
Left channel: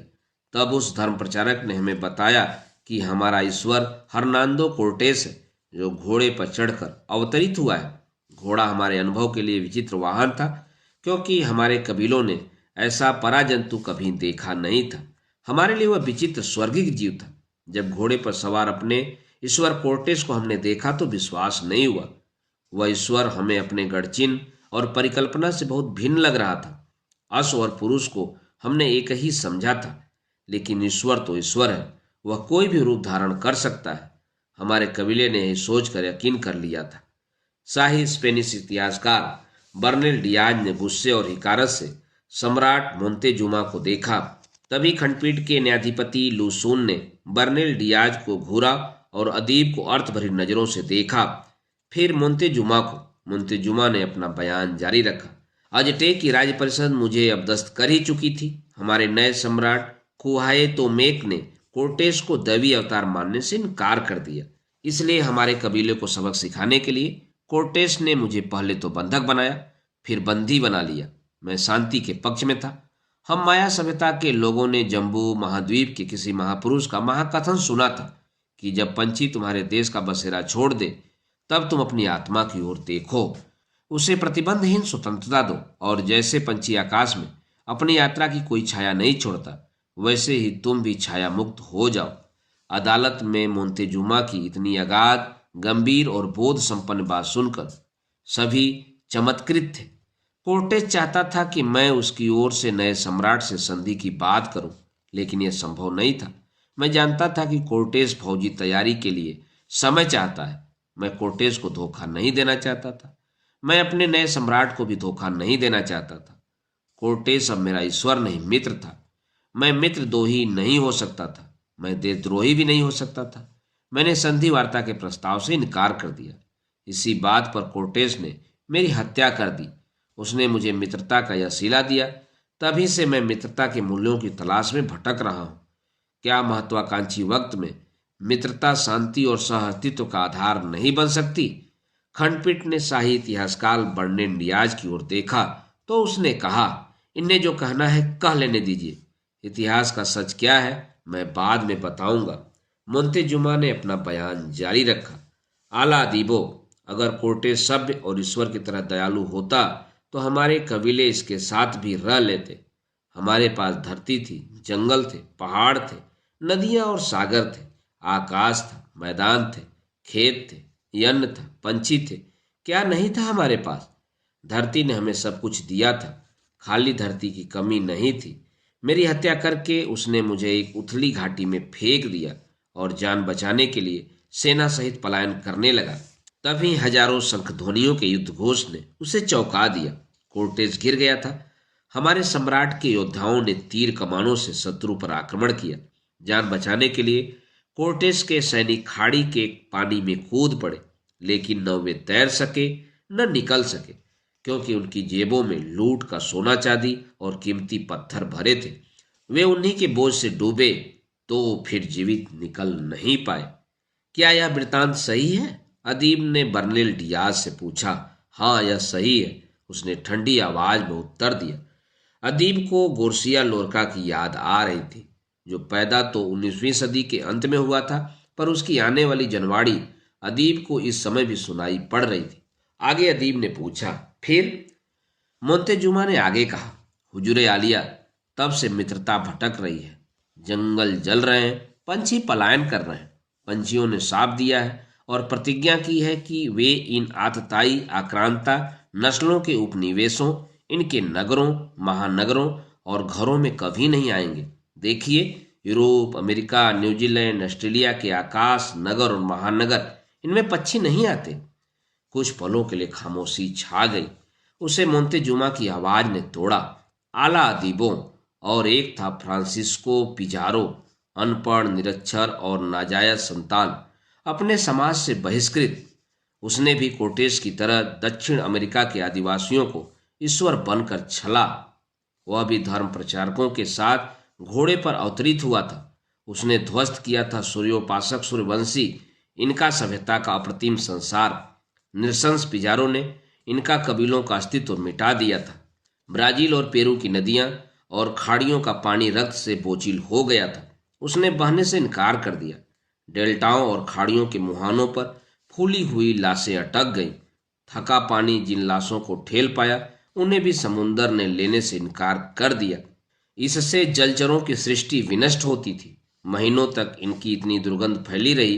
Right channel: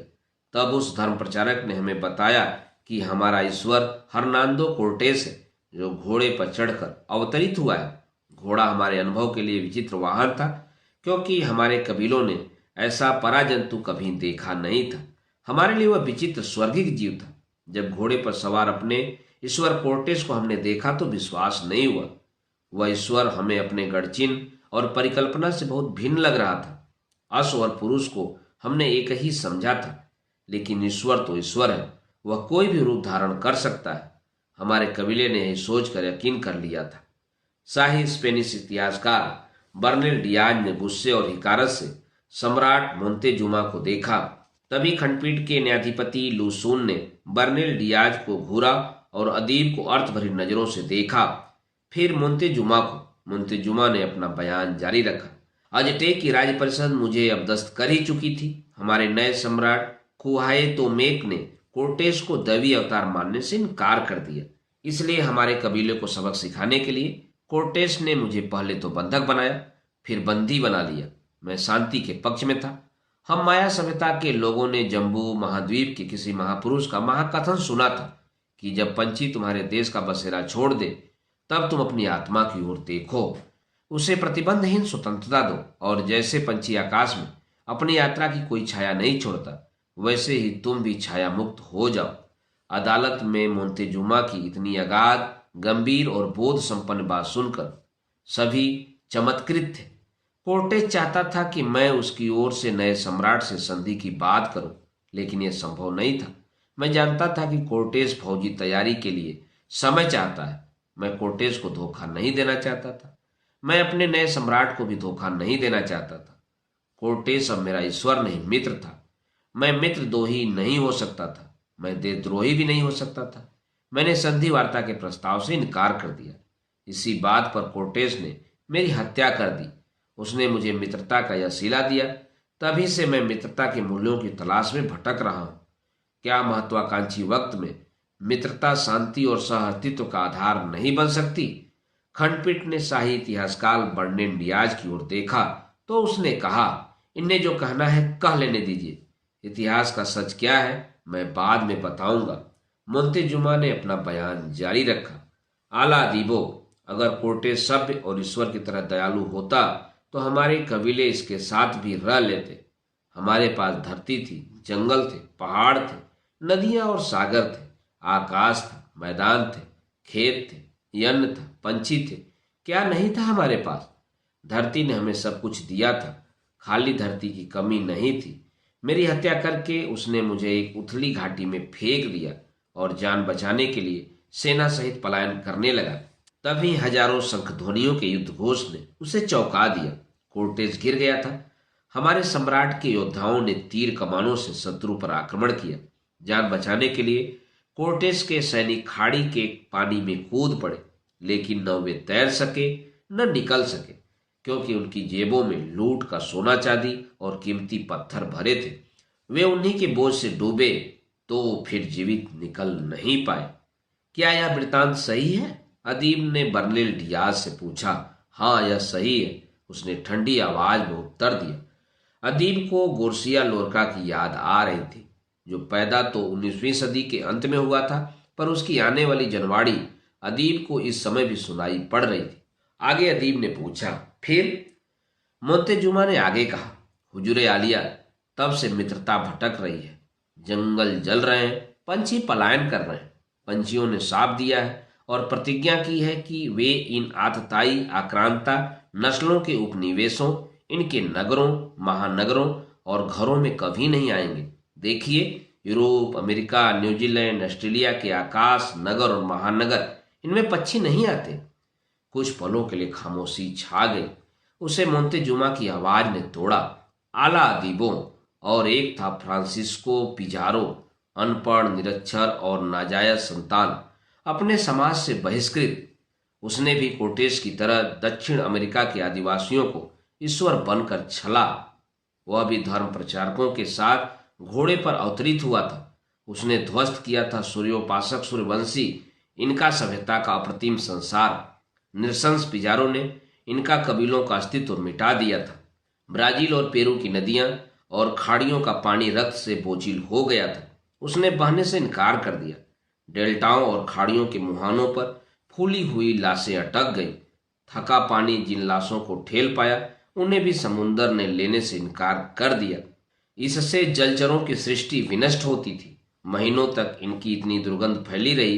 तब उस धर्म प्रचारक ने हमें बताया कि हमारा ईश्वर हर्नांडो कोर्टेस है, जो घोड़े पर चढ़कर अवतरित हुआ है। घोड़ा हमारे अनुभव के लिए विचित्र वाहन था, क्योंकि हमारे कबीलों ने ऐसा पराजंतु कभी देखा नहीं था। हमारे लिए वह विचित्र स्वर्गिक जीव था। जब घोड़े पर सवार अपने ईश्वर कोर्टेस को हमने देखा तो विश्वास नहीं हुआ। वह ईश्वर हमें अपने गढ़चिन्ह और परिकल्पना से बहुत भिन्न लग रहा था। अश्व और पुरुष को हमने एक ही समझा था, लेकिन ईश्वर तो ईश्वर है, वह कोई भी रूप धारण कर सकता है। हमारे कबीले ने यही सोचकर यकीन कर लिया था। शाही स्पेनिश इतिहासकार बर्नेल डियाज ने गुस्से और हिकारत से सम्राट मोंतेजुमा को देखा। तभी खंडपीठ के न्यायाधिपति लूसून ने बर्नेल डियाज को घूरा और अदीब को अर्थ भरी नजरों से देखा, फिर मोंतेजुमा को। मोंतेजुमा ने अपना बयान जारी रखा। अजटेक की राज्य परिषद मुझे अपदस्थ कर ही चुकी थी। हमारे नए सम्राट कुहाए तोमेक ने कोर्टेस को दैवी अवतार मानने से इनकार कर दिया। इसलिए हमारे कबीले को सबक सिखाने के लिए कोर्टेस ने मुझे पहले तो बंधक बनाया, फिर बंदी बना लिया। मैं शांति के पक्ष में था। हम माया सभ्यता के लोगों ने जम्बू महाद्वीप के किसी महापुरुष का महाकथन सुना था कि जब पंछी तुम्हारे देश का बसेरा छोड़ दे, तब तुम अपनी आत्मा की ओर देखो, उसे प्रतिबंधहीन स्वतंत्रता दो, और जैसे पंछी आकाश में अपनी यात्रा की कोई छाया नहीं छोड़ता, वैसे ही तुम भी छाया मुक्त हो जाओ। अदालत में मोंतेजुमा की इतनी अगाध, गंभीर और बोध संपन्न बात सुनकर सभी चमत्कृत थे। कोर्टेस चाहता था कि मैं उसकी ओर से नए सम्राट से संधि की बात करूं, लेकिन यह संभव नहीं था। मैं जानता था कि कोर्टेस फौजी तैयारी के लिए समय चाहता है। मैं कोर्टेस को धोखा नहीं देना चाहता था। मैं अपने नए सम्राट को भी धोखा नहीं देना चाहता था। कोर्टेस अब मेरा ईश्वर नहीं, मित्र था। मैं मित्रद्रोही नहीं हो सकता था, मैं देशद्रोही भी नहीं हो सकता था। मैंने संधि वार्ता के प्रस्ताव से इनकार कर दिया। इसी बात पर कोर्टेस ने मेरी हत्या कर दी। उसने मुझे मित्रता का यह सिला दिया। तभी से मैं मित्रता के मूल्यों की तलाश में भटक रहा हूं। क्या महत्वाकांक्षी वक्त में मित्रता शांति और सह-अस्तित्व का आधार नहीं बन सकती? खंडपीठ ने शाही इतिहासकार बर्नेल डियाज की ओर देखा तो उसने कहा, इन्हें जो कहना है कह लेने दीजिए। इतिहास का सच क्या है मैं बाद में बताऊंगा। मोंतेजुमा ने अपना बयान जारी रखा। आला अदीबो, अगर कोर्टेस सभ्य और ईश्वर की तरह दयालु होता तो हमारे कबीले इसके साथ भी रह लेते। हमारे पास धरती थी, जंगल थे, पहाड़ थे, नदियां और सागर थे, आकाश था, मैदान थे, खेत थे, अन्न था, पंछी थे। क्या नहीं था हमारे पास? धरती ने हमें सब कुछ दिया था। खाली धरती की कमी नहीं थी। मेरी हत्या करके उसने मुझे एक उथली घाटी में फेंक दिया और जान बचाने के लिए सेना सहित पलायन करने लगा। तभी हजारों शंखध्वनियों के युद्ध घोष ने उसे चौंका दिया। कोर्टेस गिर गया था। हमारे सम्राट के योद्धाओं ने तीर कमानों से शत्रु पर आक्रमण किया। जान बचाने के लिए कोर्टेस के सैनिक खाड़ी के पानी में कूद पड़े, लेकिन न वे तैर सके न निकल सके, क्योंकि उनकी जेबों में लूट का सोना चांदी और कीमती पत्थर भरे थे। वे उन्हीं के बोझ से डूबे तो फिर जीवित निकल नहीं पाए। क्या यह वृतांत सही है? अदीब ने बर्नेल डियाज से पूछा। हाँ, यह सही है, उसने ठंडी आवाज में उत्तर दिया। अदीब को गोर्सिया लोरका की याद आ रही थी, जो पैदा तो 19वीं सदी के अंत में हुआ था, पर उसकी आने वाली जनवाड़ी अदीब को इस समय भी सुनाई पड़ रही थी। आगे अदीब ने पूछा, फिर? मोंतेजुमा ने आगे कहा, हुजूरे आलिया, तब से मित्रता भटक रही है। जंगल जल रहे हैं, पंछी पलायन कर रहे हैं। पंछियों ने साफ दिया है और प्रतिज्ञा की है कि वे इन आतताई आक्रांता नस्लों के उपनिवेशों, इनके नगरों, महानगरों और घरों में कभी नहीं आएंगे। देखिए, यूरोप, अमेरिका, न्यूजीलैंड, ऑस्ट्रेलिया के आकाश, नगर और महानगर, इनमें पक्षी नहीं आते। कुछ पलों के लिए खामोशी छा गई। उसे मोंतेजुमा की आवाज ने तोड़ा। आला अदीबों, और एक था फ्रांसिस्को पिजारो, अनपढ़, निरक्षर और नाजायज संतान, अपने समाज से बहिष्कृत। उसने भी कोर्टेस की तरह दक्षिण अमेरिका के आदिवासियों को ईश्वर बनकर छला। वह भी धर्म प्रचारकों के साथ घोड़े पर अवतरित हुआ था। उसने ध्वस्त किया था सूर्योपासक सूर्यवंशी, इनका सभ्यता का अप्रतिम संसार। निरशंस पिजारो ने इनका कबीलों का अस्तित्व मिटा दिया था। ब्राजील और पेरू की नदियां और खाड़ियों का पानी रक्त से बोझिल हो गया था। उसने बहने से इनकार कर दिया। डेल्टाओं और खाड़ियों के मुहानों पर फूली हुई लाशें अटक गईं। थका पानी जिन लाशों को ठेल पाया, उन्हें भी समुंदर ने लेने से इनकार कर दिया। इससे जलचरों की सृष्टि विनष्ट होती थी। महीनों तक इनकी इतनी दुर्गंध फैली रही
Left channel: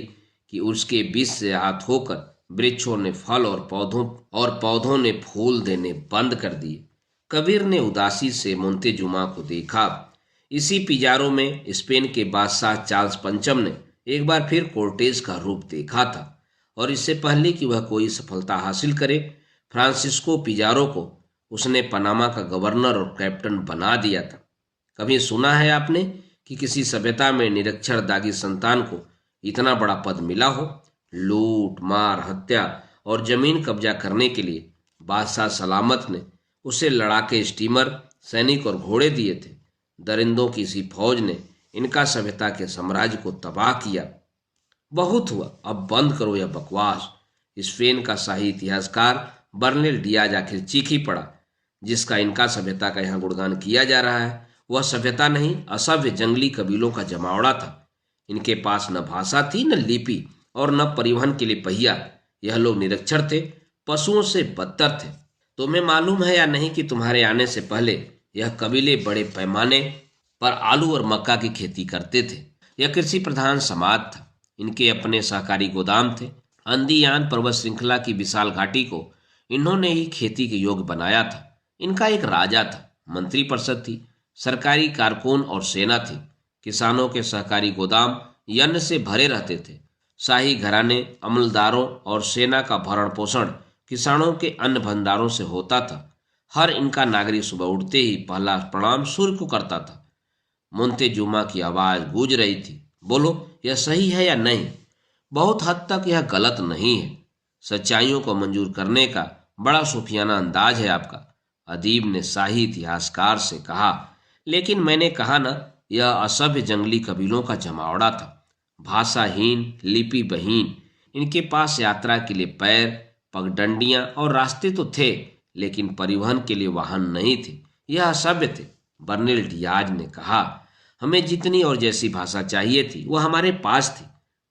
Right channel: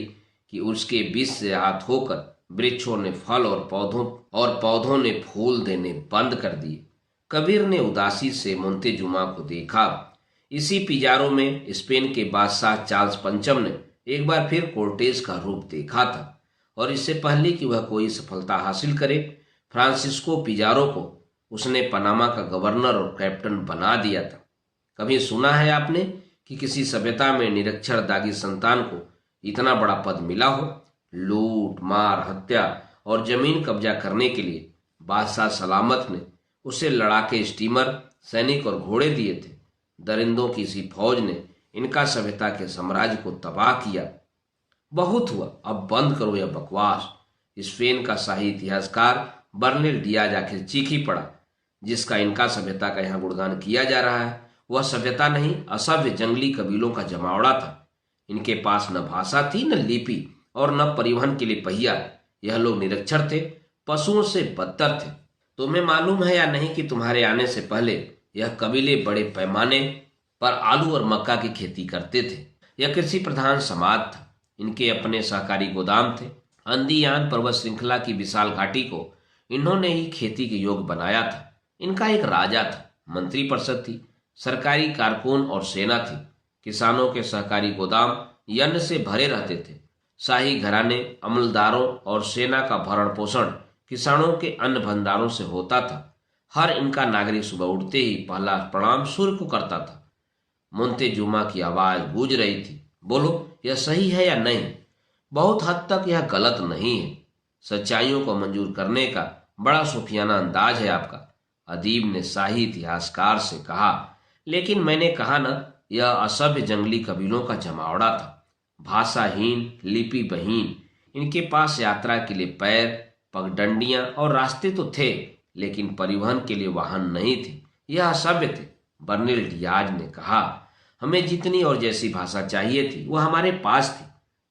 कि उसके बीच से हाथ होकर वृक्षों ने फल और पौधों ने फूल देने बंद कर दिए। कबीर ने उदासी से मोंतेजुमा को देखा। इसी पिजारो में स्पेन के बादशाह चार्ल्स पंचम ने एक बार फिर कोर्टेज का रूप देखा था, और इससे पहले कि वह कोई सफलता हासिल करे, फ्रांसिस्को पिजारो को उसने पनामा का गवर्नर और कैप्टन बना दिया था। कभी सुना है आपने कि किसी सभ्यता में निरक्षर दागी संतान को इतना बड़ा पद मिला हो? लूट मार हत्या और जमीन कब्जा करने के लिए बादशाह सलामत ने उसे लड़ाके स्टीमर, सैनिक और घोड़े दिए थे। दरिंदों की इसी फौज ने इनका सभ्यता के साम्राज्य को तबाह किया। बहुत हुआ, अब बंद करो यह बकवास। स्पेन का शाही इतिहासकार बर्नेल डियाज आखिर चीख ही पड़ा। जिसका इनका सभ्यता का यहाँ गुणगान किया जा रहा है वह सभ्यता नहीं, असभ्य जंगली कबीलों का जमावड़ा था। इनके पास न भाषा थी, न लिपि और न परिवहन के लिए पहिया। यह लोग निरक्षर थे, पशुओं से बदतर थे। तुम्हें मालूम है या नहीं कि तुम्हारे आने से पहले यह कबीले बड़े पैमाने पर आलू और मक्का की खेती करते थे। यह कृषि प्रधान समाज था। इनके अपने सहकारी गोदाम थे। अंदीयान पर्वत श्रृंखला की विशाल घाटी को इन्होंने ही खेती के योग्य बनाया था। इनका एक राजा था, मंत्री परिषद थी, सरकारी कारकुन और सेना थी। किसानों के सहकारी गोदाम यन्न से भरे रहते थे। शाही घराने, अमलदारों और सेना का भरण पोषण किसानों के अन्न भंडारों से होता था। हर इनका नागरिक सुबह उठते ही पहला प्रणाम सूर्य को करता था। मोंतेजुमा की आवाज गूंज रही थी, बोलो यह सही है या नहीं? बहुत हद तक यह गलत नहीं है। सच्चाइयों को मंजूर करने का बड़ा सूफियाना अंदाज है आपका, अदीब ने शाही इतिहासकार से कहा। लेकिन मैंने कहा ना, यह असभ्य जंगली कबीलों का जमावड़ा था, भाषाहीन, लिपिबहीन। इनके पास यात्रा के लिए पैर, पगडंडियां और रास्ते तो थे, लेकिन परिवहन के लिए वाहन नहीं थे। यह असभ्य थे। बर्नेल डियाज ने कहा, हमें जितनी और जैसी भाषा चाहिए थी वह हमारे पास थी।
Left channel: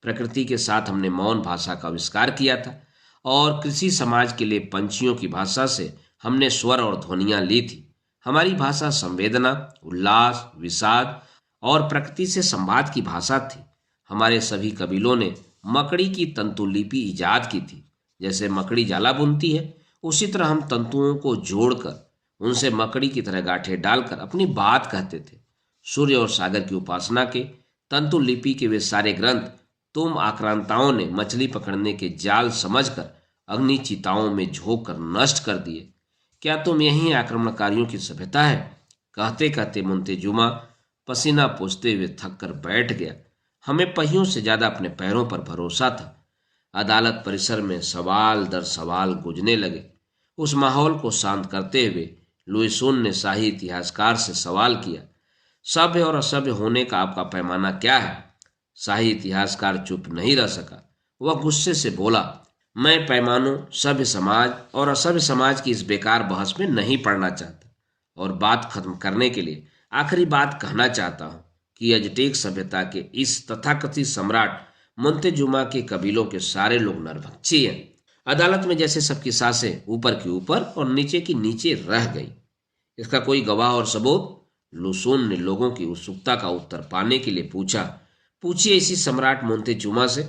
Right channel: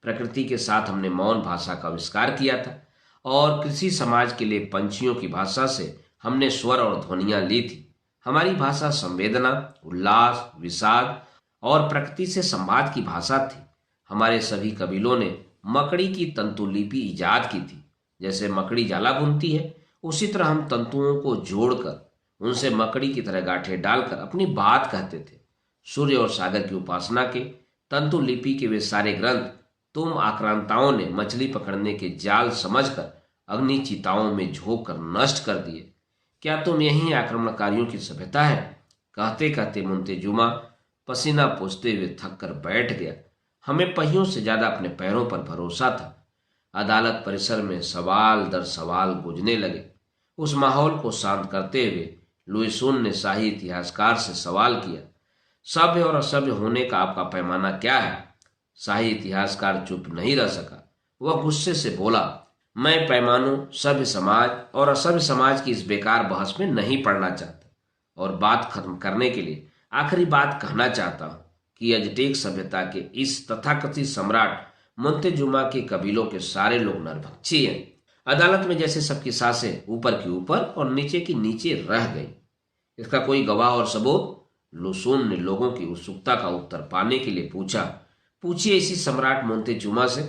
प्रकृति के साथ हमने मौन भाषा का आविष्कार किया था, और कृषि समाज के लिए पंछियों की भाषा से हमने स्वर और ध्वनियां ली थी। हमारी भाषा संवेदना, उल्लास, विषाद और प्रकृति से संवाद की भाषा थी। हमारे सभी कबीलों ने मकड़ी की तंतुलिपि ईजाद की थी। जैसे मकड़ी जाला बुनती है, उसी तरह हम तंतुओं को जोड़कर उनसे मकड़ी की तरह गांठें डालकर अपनी बात कहते थे। सूर्य और सागर की उपासना के तंतुलिपि के वे सारे ग्रंथ तुम आक्रांताओं ने मछली पकड़ने के जाल समझकर अग्नि चिताओं में झोंक कर नष्ट कर दिए। क्या तुम यही आक्रमणकारियों की सभ्यता है? कहते कहते मोंतेजुमा पसीना पोंछते हुए थक कर बैठ गया। हमें पहियों से ज्यादा अपने पैरों पर भरोसा था। अदालत परिसर में सवाल दर सवाल गूंजने लगे। उस माहौल को शांत करते हुए लुइसून ने शाही इतिहासकार से सवाल किया, सभ्य और असभ्य होने का आपका पैमाना क्या है? शाही इतिहासकार चुप नहीं रह सका। वह गुस्से से बोला, मैं पैमानों, सभ्य समाज और असभ्य समाज की इस बेकार बहस में नहीं पड़ना चाहता, और बात खत्म करने के लिए आखिरी बात कहना चाहता हूं कि अजटेक सभ्यता के इस तथाकथित सम्राट मोंतेजुमा के कबीलों के सारे लोग नरभक्षी हैं। अदालत में जैसे सबकी सांसें ऊपर की ऊपर और नीचे की नीचे रह गई। इसका कोई गवाह और सबूत? लुसून ने लोगों की उत्सुकता का उत्तर पाने के लिए पूछा। पूछिए इसी सम्राट मोंतेजुमा से।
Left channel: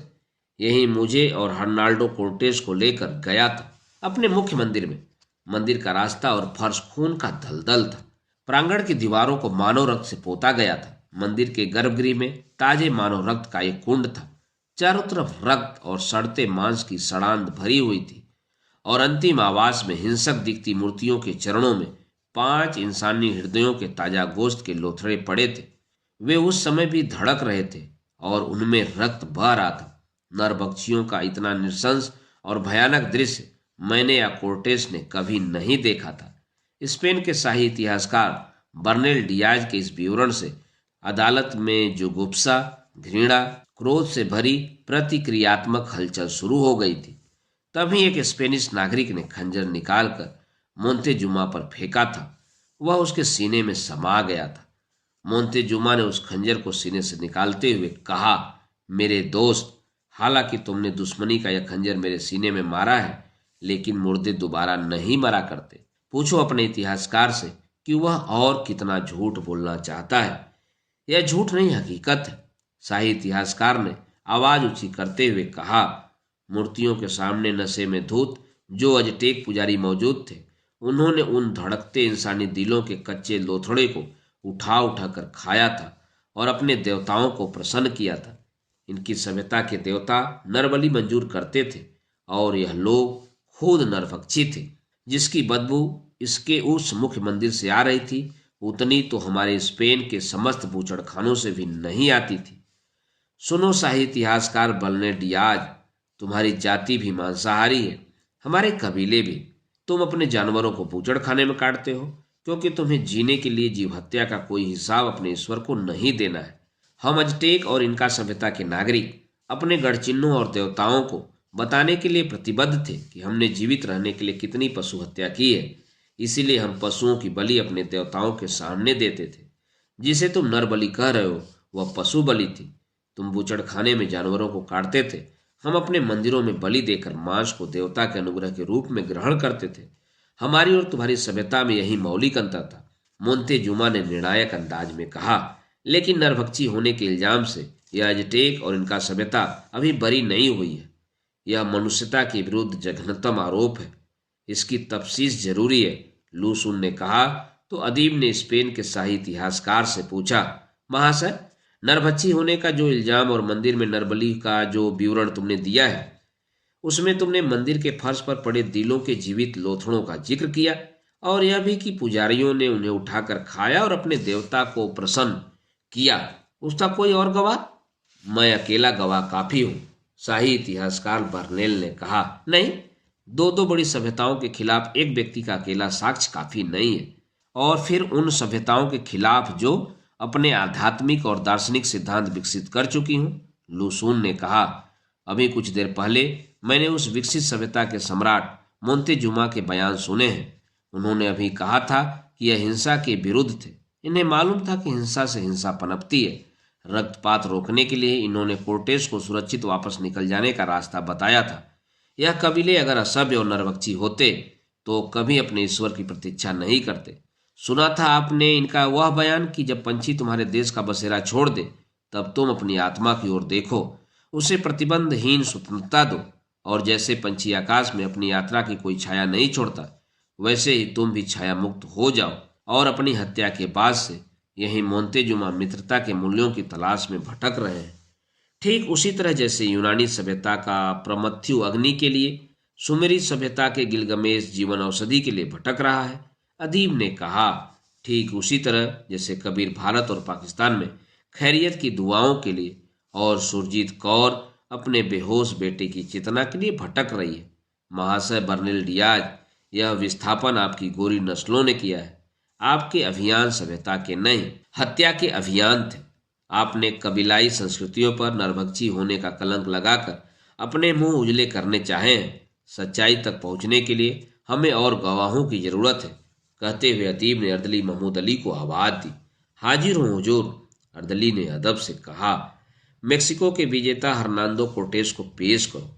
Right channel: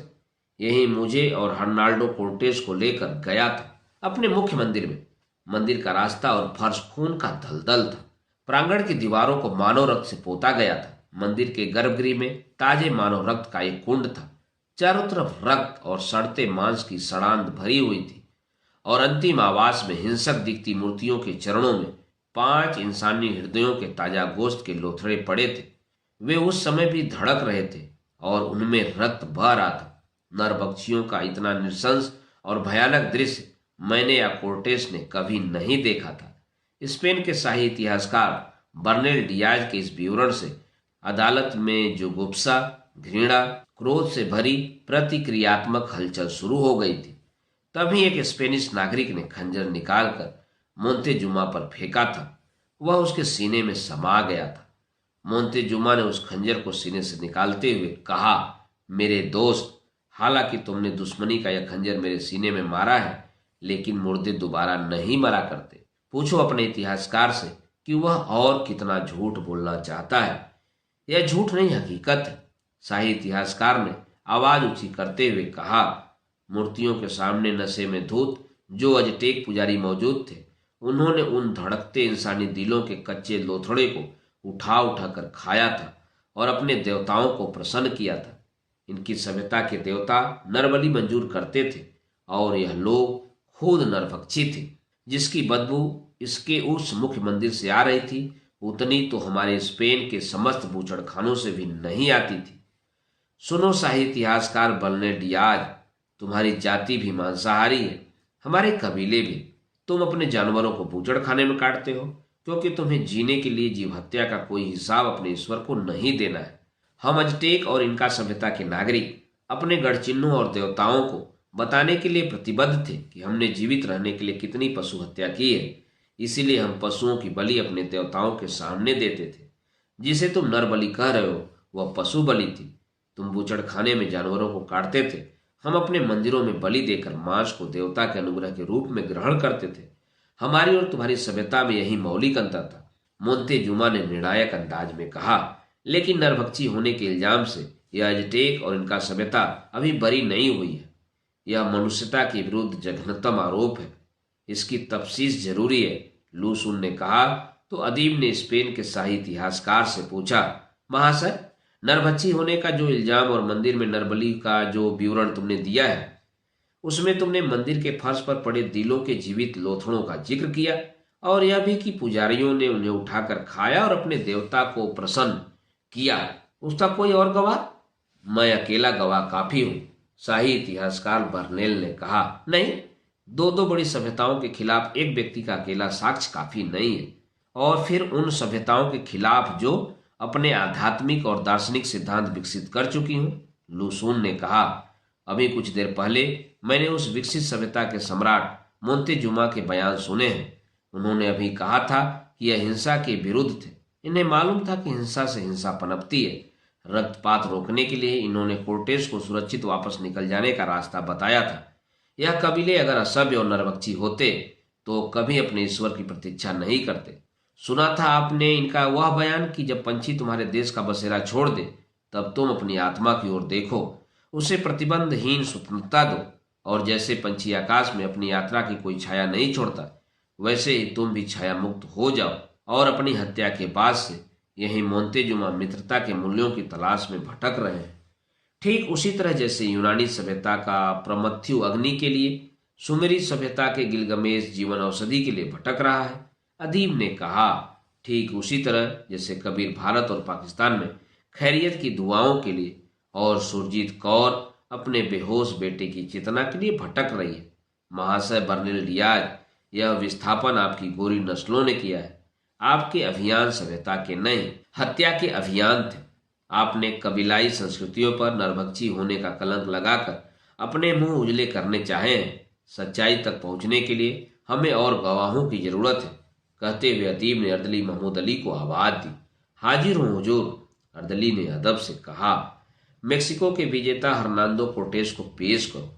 यही मुझे और हर्नाल्डो कोर्टेस को लेकर गया था अपने मुख्य मंदिर में। मंदिर का रास्ता और फर्श खून का दलदल था। प्रांगण की दीवारों को मानव रक्त से पोता गया था। मंदिर के गर्भगृह में ताजे मानव रक्त का एक कुंड था। चारों तरफ रक्त और सड़ते मांस की सड़ांध भरी हुई थी, और अंतिम आवास में हिंसक दिखती मूर्तियों के चरणों में 5 इंसानी हृदयों के ताजा गोश्त के लोथड़े पड़े थे। वे उस समय भी धड़क रहे थे और उनमें रक्त बह रहा था। नरभक्षियों का इतना नृशंस और भयानक दृश्य मैंने या कोर्टेस ने कभी नहीं देखा था। स्पेन के शाही इतिहासकार बर्नेल डियाज के इस विवरण से अदालत में जो गुस्सा, घृणा, क्रोध से भरी प्रतिक्रियात्मक हलचल शुरू हो गई थी। तभी एक स्पेनिश नागरिक ने खंजर निकालकर मोंतेजुमा पर फेंका था। वह उसके सीने में समा गया था। मोंतेजुमा ने उस खंजर को सीने से निकालते हुए कहा, मेरे दोस्त, हालांकि तुमने दुश्मनी का यह खंजर मेरे सीने में मारा है, लेकिन मुर्दे दोबारा नहीं मरा करते। पूछो अपने इतिहासकार से कि वह और कितना झूठ बोलना चाहता है। यह झूठ नहीं, हकीकत है। शाही इतिहासकार ने आवाज ऊंची करते हुए कहा। मूर्तियों के सामने नशे में धूत जो अजटेक पुजारी मौजूद थे, उन्होंने उन धड़कते इंसानी दिलों के कच्चे लोथड़े को उठा उठा कर खाया था और अपने देवताओं को प्रसन्न किया था। इनकी सभ्यता के देवता नरबलि मंजूर करते थे और यह लोग खुद नरभक्षी थे। जिसकी बदबू इसके उस मुख्य मंदिर से आ रही थी, उतनी तो हमारे स्पेन के समस्त बूचड़खानों से भी नहीं आती थी। सुनो शाही इतिहासकार बर्नेल डियाज, तुम्हारी जाति भी मांसाहारी है, हमारे कबीले भी। तुम अपने जानवरों को बूचड़खाने में काटते हो क्योंकि तुम्हें जीने के लिए जीव हत्या का कोई हिसाब अपने ईश्वर को नहीं देना है। हम अजटेक और इनका सभ्यता के नागरिक अपने गढ़ चिन्हों और देवताओं को बताने के लिए प्रतिबद्ध थे कि हमने जीवित रहने के लिए कितनी पशु हत्या की है। इसीलिए हम पशुओं की बलि अपने देवताओं के सामने देते थे। जिसे तुम नर बलि कह रहे हो वह पशु बलि थी। तुम बूचड़खाने में जानवरों को काटते थे, हम अपने मंदिरों में बलि देकर मांस को देवता के अनुग्रह के रूप में ग्रहण करते थे। हमारी और तुम्हारी सभ्यता में यही मौलिक अंतर था, मोंतेजुमा ने निर्णायक अंदाज में कहा। लेकिन नरभक्षी होने के इल्जाम से यह अजटेक और इनका सभ्यता अभी बरी नहीं हुई है। यह मनुष्यता के विरुद्ध जघन्यतम आरोप है। इसकी तफ्सीस जरूरी है, लूसून ने कहा। तो अदीब ने स्पेन के शाही इतिहासकार से पूछा, महाशय, नरभक्षी होने का जो इल्जाम और मंदिर में नरबलि का जो विवरण तुमने दिया है, उसमें तुमने मंदिर के फर्श पर पड़े दिलों के जीवित लोथड़ों का जिक्र किया और यह भी कि पुजारियों ने उन्हें उठाकर खाया और अपने देवता को प्रसन्न किया। उसका कोई और गवाह? मैं अकेला गवाह काफी हूं, शाही इतिहासकार बर्नेल ने कहा। नहीं, दो दो बड़ी सभ्यताओं के खिलाफ एक व्यक्ति का अकेला साक्ष्य काफी नहीं है, और फिर उन सभ्यताओं के खिलाफ जो अपने आध्यात्मिक और दार्शनिक सिद्धांत विकसित कर चुकी हूं, लूसून ने कहा। अभी कुछ देर पहले मैंने उस विकसित सभ्यता के सम्राट मोंतेजुमा के बयान सुने हैं। उन्होंने अभी कहा था कि यह हिंसा के विरुद्ध थे। इन्हें मालूम था कि हिंसा से हिंसा पनपती है। रक्तपात रोकने के लिए इन्होंने कोर्टेस को सुरक्षित वापस निकल जाने का रास्ता बताया था। यह कबीले अगर असभ्य और नरभक्षी होते तो कभी अपने ईश्वर की प्रतीक्षा नहीं करते। सुना था आपने इनका वह बयान कि जब पंछी तुम्हारे देश का बसेरा छोड़ दे तब तुम अपनी आत्मा की ओर देखो, उसे प्रतिबंधहीन स्वतंत्रता दो, और जैसे पंछी आकाश में अपनी यात्रा की कोई छाया नहीं छोड़ता, वैसे ही तुम भी छाया मुक्त हो जाओ और अपनी हत्या के बाद से यही मोंतेजुमा मित्रता के मूल्यों की तलाश में भटक रहे हैं। ठीक उसी तरह जैसे यूनानी सभ्यता का प्रमथ्यु अग्नि के लिए सुमेरी सभ्यता के गिलगमेश जीवन औषधि के लिए भटक रहा है, अदीब ने कहा। ठीक उसी तरह जैसे कबीर भारत और पाकिस्तान में खैरियत की दुआओं के लिए और सुरजीत कौर अपने बेहोश बेटे की चेतना के लिए भटक रही है। महाशय बर्नेल डियाज, यह विस्थापन आपकी गोरी नस्लों ने किया है। आपके अभियान सभ्यता के नहीं, हत्या के अभियान थे। आपने कबीलाई संस्कृतियों पर नरभक्षी होने का कलंक लगाकर अपने मुंह उजले करने चाहे हैं। सच्चाई तक पहुंचने के लिए हमें और गवाहों की जरूरत है, कहते हुए अदीब ने अर्दली महमूद अली को आवाज दी। हाजिर हूं हुजूर, अर्दली ने अदब से कहा। मेक्सिको के विजेता हर्नांडो कोर्टेस को पेश करो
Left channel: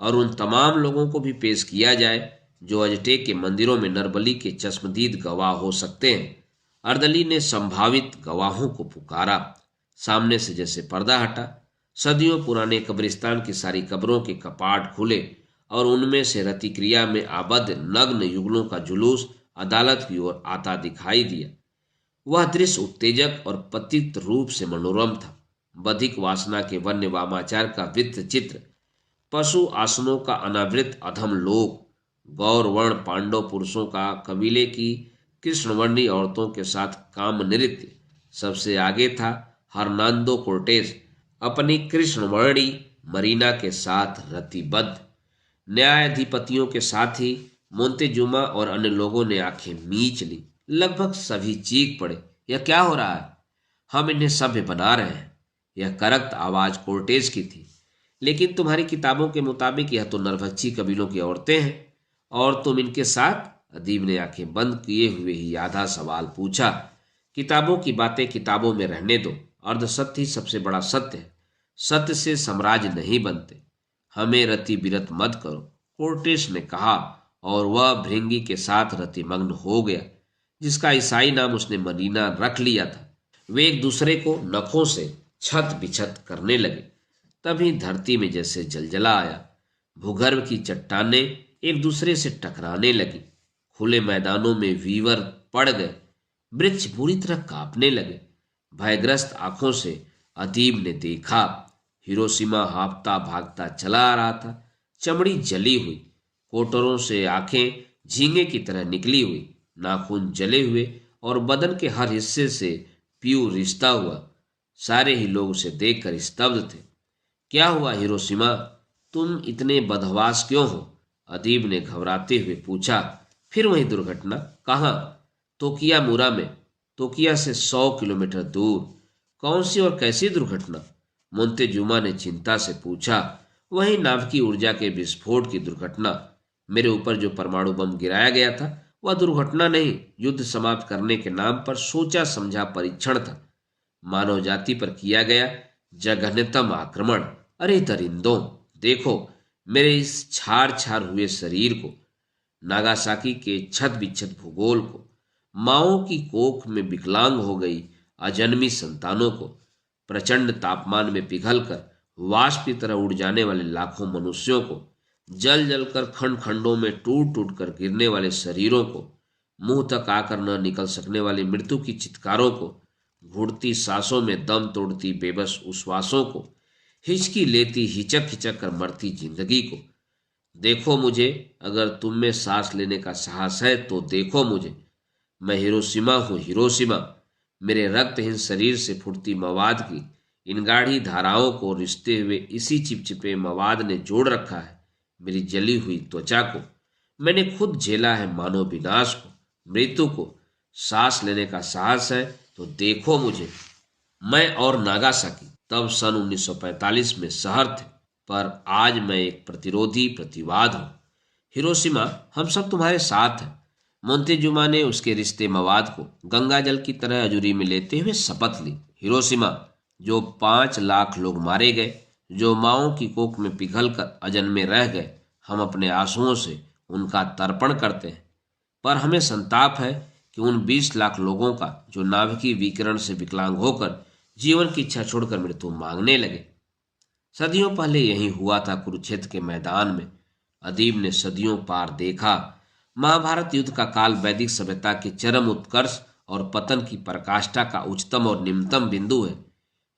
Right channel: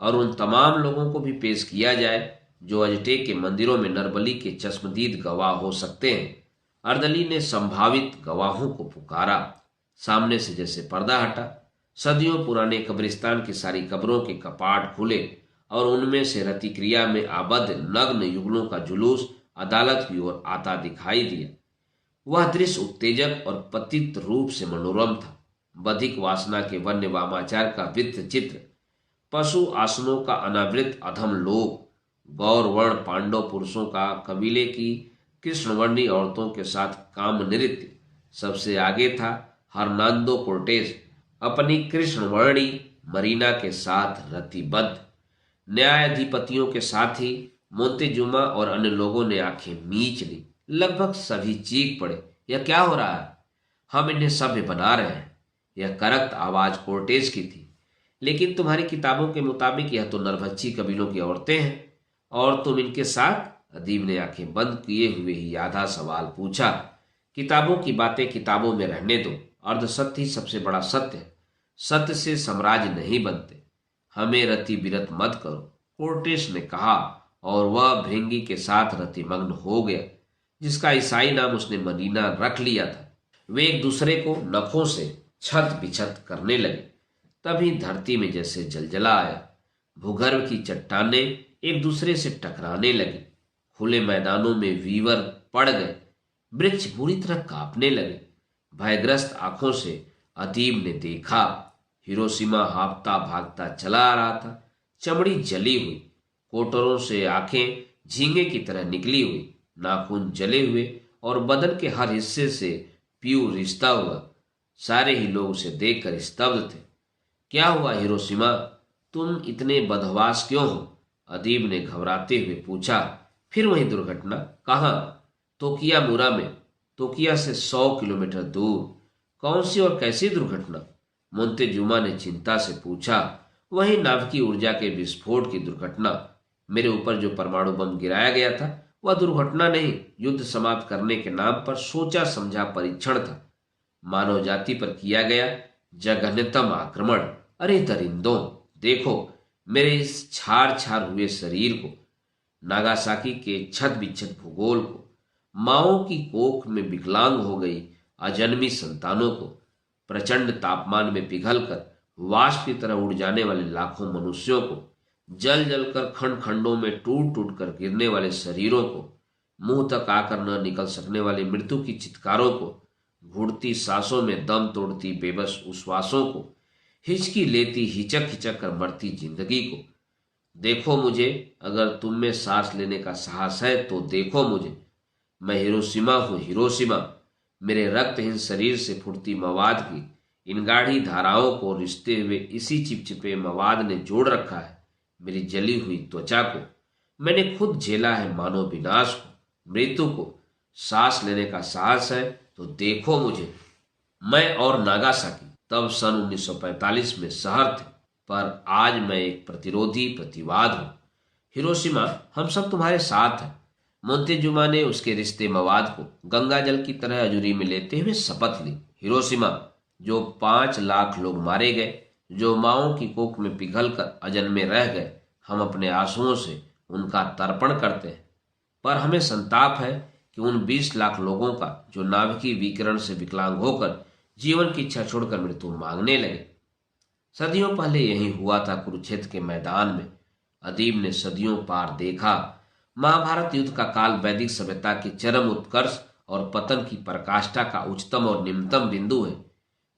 और उन तमाम लोगों को भी पेश किया जाए जो अजटेक के मंदिरों में नरबली के चश्मदीद गवाह हो सकते हैं। अर्दली ने संभावित गवाहों को पुकारा। सामने से जैसे पर्दा हटा, सदियों पुराने कब्रिस्तान की सारी कब्रों के कपाट खुले और उनमें से रतिक्रिया में आबद्ध नग्न युगलों का जुलूस अदालत की ओर आता दिखाई दिया। वह दृश्य उत्तेजक और पतित रूप से मनोरम था। बधिक वासना के वन्य वामाचार का वित्त चित्र, पशु आसनों का अनावृत अधम लोक, गौर वर्ण पांडव पुरुषों का कबीले की कृष्णवर्णी औरतों के साथ काम नृत्य, सबसे आगे था हर्नांडो कोर्टेस अपनी कृष्णवर्णी मरीना के साथ रतिबद्ध। न्यायाधिपतियों के साथ ही मोंतेजुमा और अन्य लोगों ने आंखें मीच ली। लगभग सभी चीख पड़े, यह क्या हो रहा है? हम इन्हें सभ्य बना रहे हैं। यह करक्त आवाज कोर्टेस की थी। लेकिन तुम्हारी किताबों के मुताबिक यह तो नरभक्षी कबीलों की औरतें हैं और तुम इनके साथ? अदीब ने आंखें बंद किए हुए ही आधा सवाल पूछा। किताबों की बातें किताबों में रहने दो। अर्धसत्य ही सबसे बड़ा सत्य है। सत्य से साम्राज्य नहीं बनते। हमें रति विरत मत करो, कोर्टेस ने कहा, और वह भृंगी के साथ रतिमग्न हो गया जिसका ईसाई नाम उसने मरीना रख लिया था। वे एक दूसरे को नखों से छत बिछत करने लगे। तभी धरती में जैसे जलजला आया। भूगर्भ की चट्टानें एक दूसरे से टकराने लगी। खुले मैदानों में वीवर पड़ गए। वृक्ष बुरी तरह कांपने लगे। भयग्रस्त आंखों से अदीब ने देखा, हिरोशिमा हाँफता भागता चला आ रहा था। चमड़ी जली हुई, कोटरों से आंखें झींगे की तरह निकली हुई, नाखून जले हुए और बदन के हर हिस्से से पीऊ रिश्ता हुआ। सारे ही लोग उसे देखकर स्तब्ध थे। क्या हुआ हिरोशिमा, तुम इतने बदहवास क्यों हो? अदीब ने घबराते हुए पूछा। फिर वही दुर्घटना? कहाँ? तोकियामुरा में। तोकिया से 100 किलोमीटर दूर। कौन सी और कैसी दुर्घटना? मोंतेजुमा ने चिंता से पूछा। वही नाभिकीय ऊर्जा के विस्फोट की दुर्घटना। मेरे ऊपर जो परमाणु बम गिराया गया था वह दुर्घटना नहीं, युद्ध समाप्त करने के नाम पर सोचा समझा परीक्षण था। मानव जाति पर किया गया जघन्यतम आक्रमण। अरे दरिंदों, देखो मेरे इस छार छार हुए शरीर को, नागासाकी के छत बिछत भूगोल को, माओ की कोख में विकलांग हो गई अजन्मी संतानों को, प्रचंड तापमान में पिघलकर वाष्प की तरह उड़ जाने वाले लाखों मनुष्यों को, जल जलकर खंड खंडों में टूट टूट कर गिरने वाले शरीरों को, मुंह तक आकर न निकल सकने वाली मृत्यु की चित्कारों को, घुड़ती सांसों में दम तोड़ती बेबस उश्वासों को, हिचकी लेती हिचक हिचक कर मरती जिंदगी को। देखो मुझे, अगर तुम में सांस लेने का साहस है तो देखो मुझे। मैं हिरोशिमा हूँ, हिरोशिमा। मेरे रक्तहीन शरीर से फुटती मवाद की इन गाढ़ी धाराओं को रिश्ते हुए इसी चिपचिपे मवाद ने जोड़ रखा है। मेरी जली हुई त्वचा को मैंने खुद झेला है, मानो विनाश को, मृत्यु को। सांस लेने का साहस है तो देखो मुझे। मैं और नागासाकी तब सन 1945 में शहर थे, पर आज मैं एक प्रतिरोधी प्रतिवाद हूँ। हिरोशिमा, हम सब तुम्हारे साथ हैं। मोंतेजुमा ने उसके रिश्ते मवाद को गंगा जल की तरह अजूरी में लेते हुए शपथ ली। हिरोशिमा, जो 5 लाख लोग मारे गए, जो माओ की कोख में पिघल कर अजन्मे रह गए, हम अपने आंसुओं से उनका तर्पण करते हैं। पर हमें संताप है कि उन 20 लाख लोगों का जो नाभिकीय विकिरण से विकलांग होकर जीवन की इच्छा छोड़कर मृत्यु मांगने लगे। सदियों पहले यही हुआ था कुरुक्षेत्र के मैदान में। अदीब ने सदियों पार देखा। महाभारत युद्ध का काल वैदिक सभ्यता के चरम उत्कर्ष और पतन की पराकाष्ठा का उच्चतम और निम्नतम बिंदु है।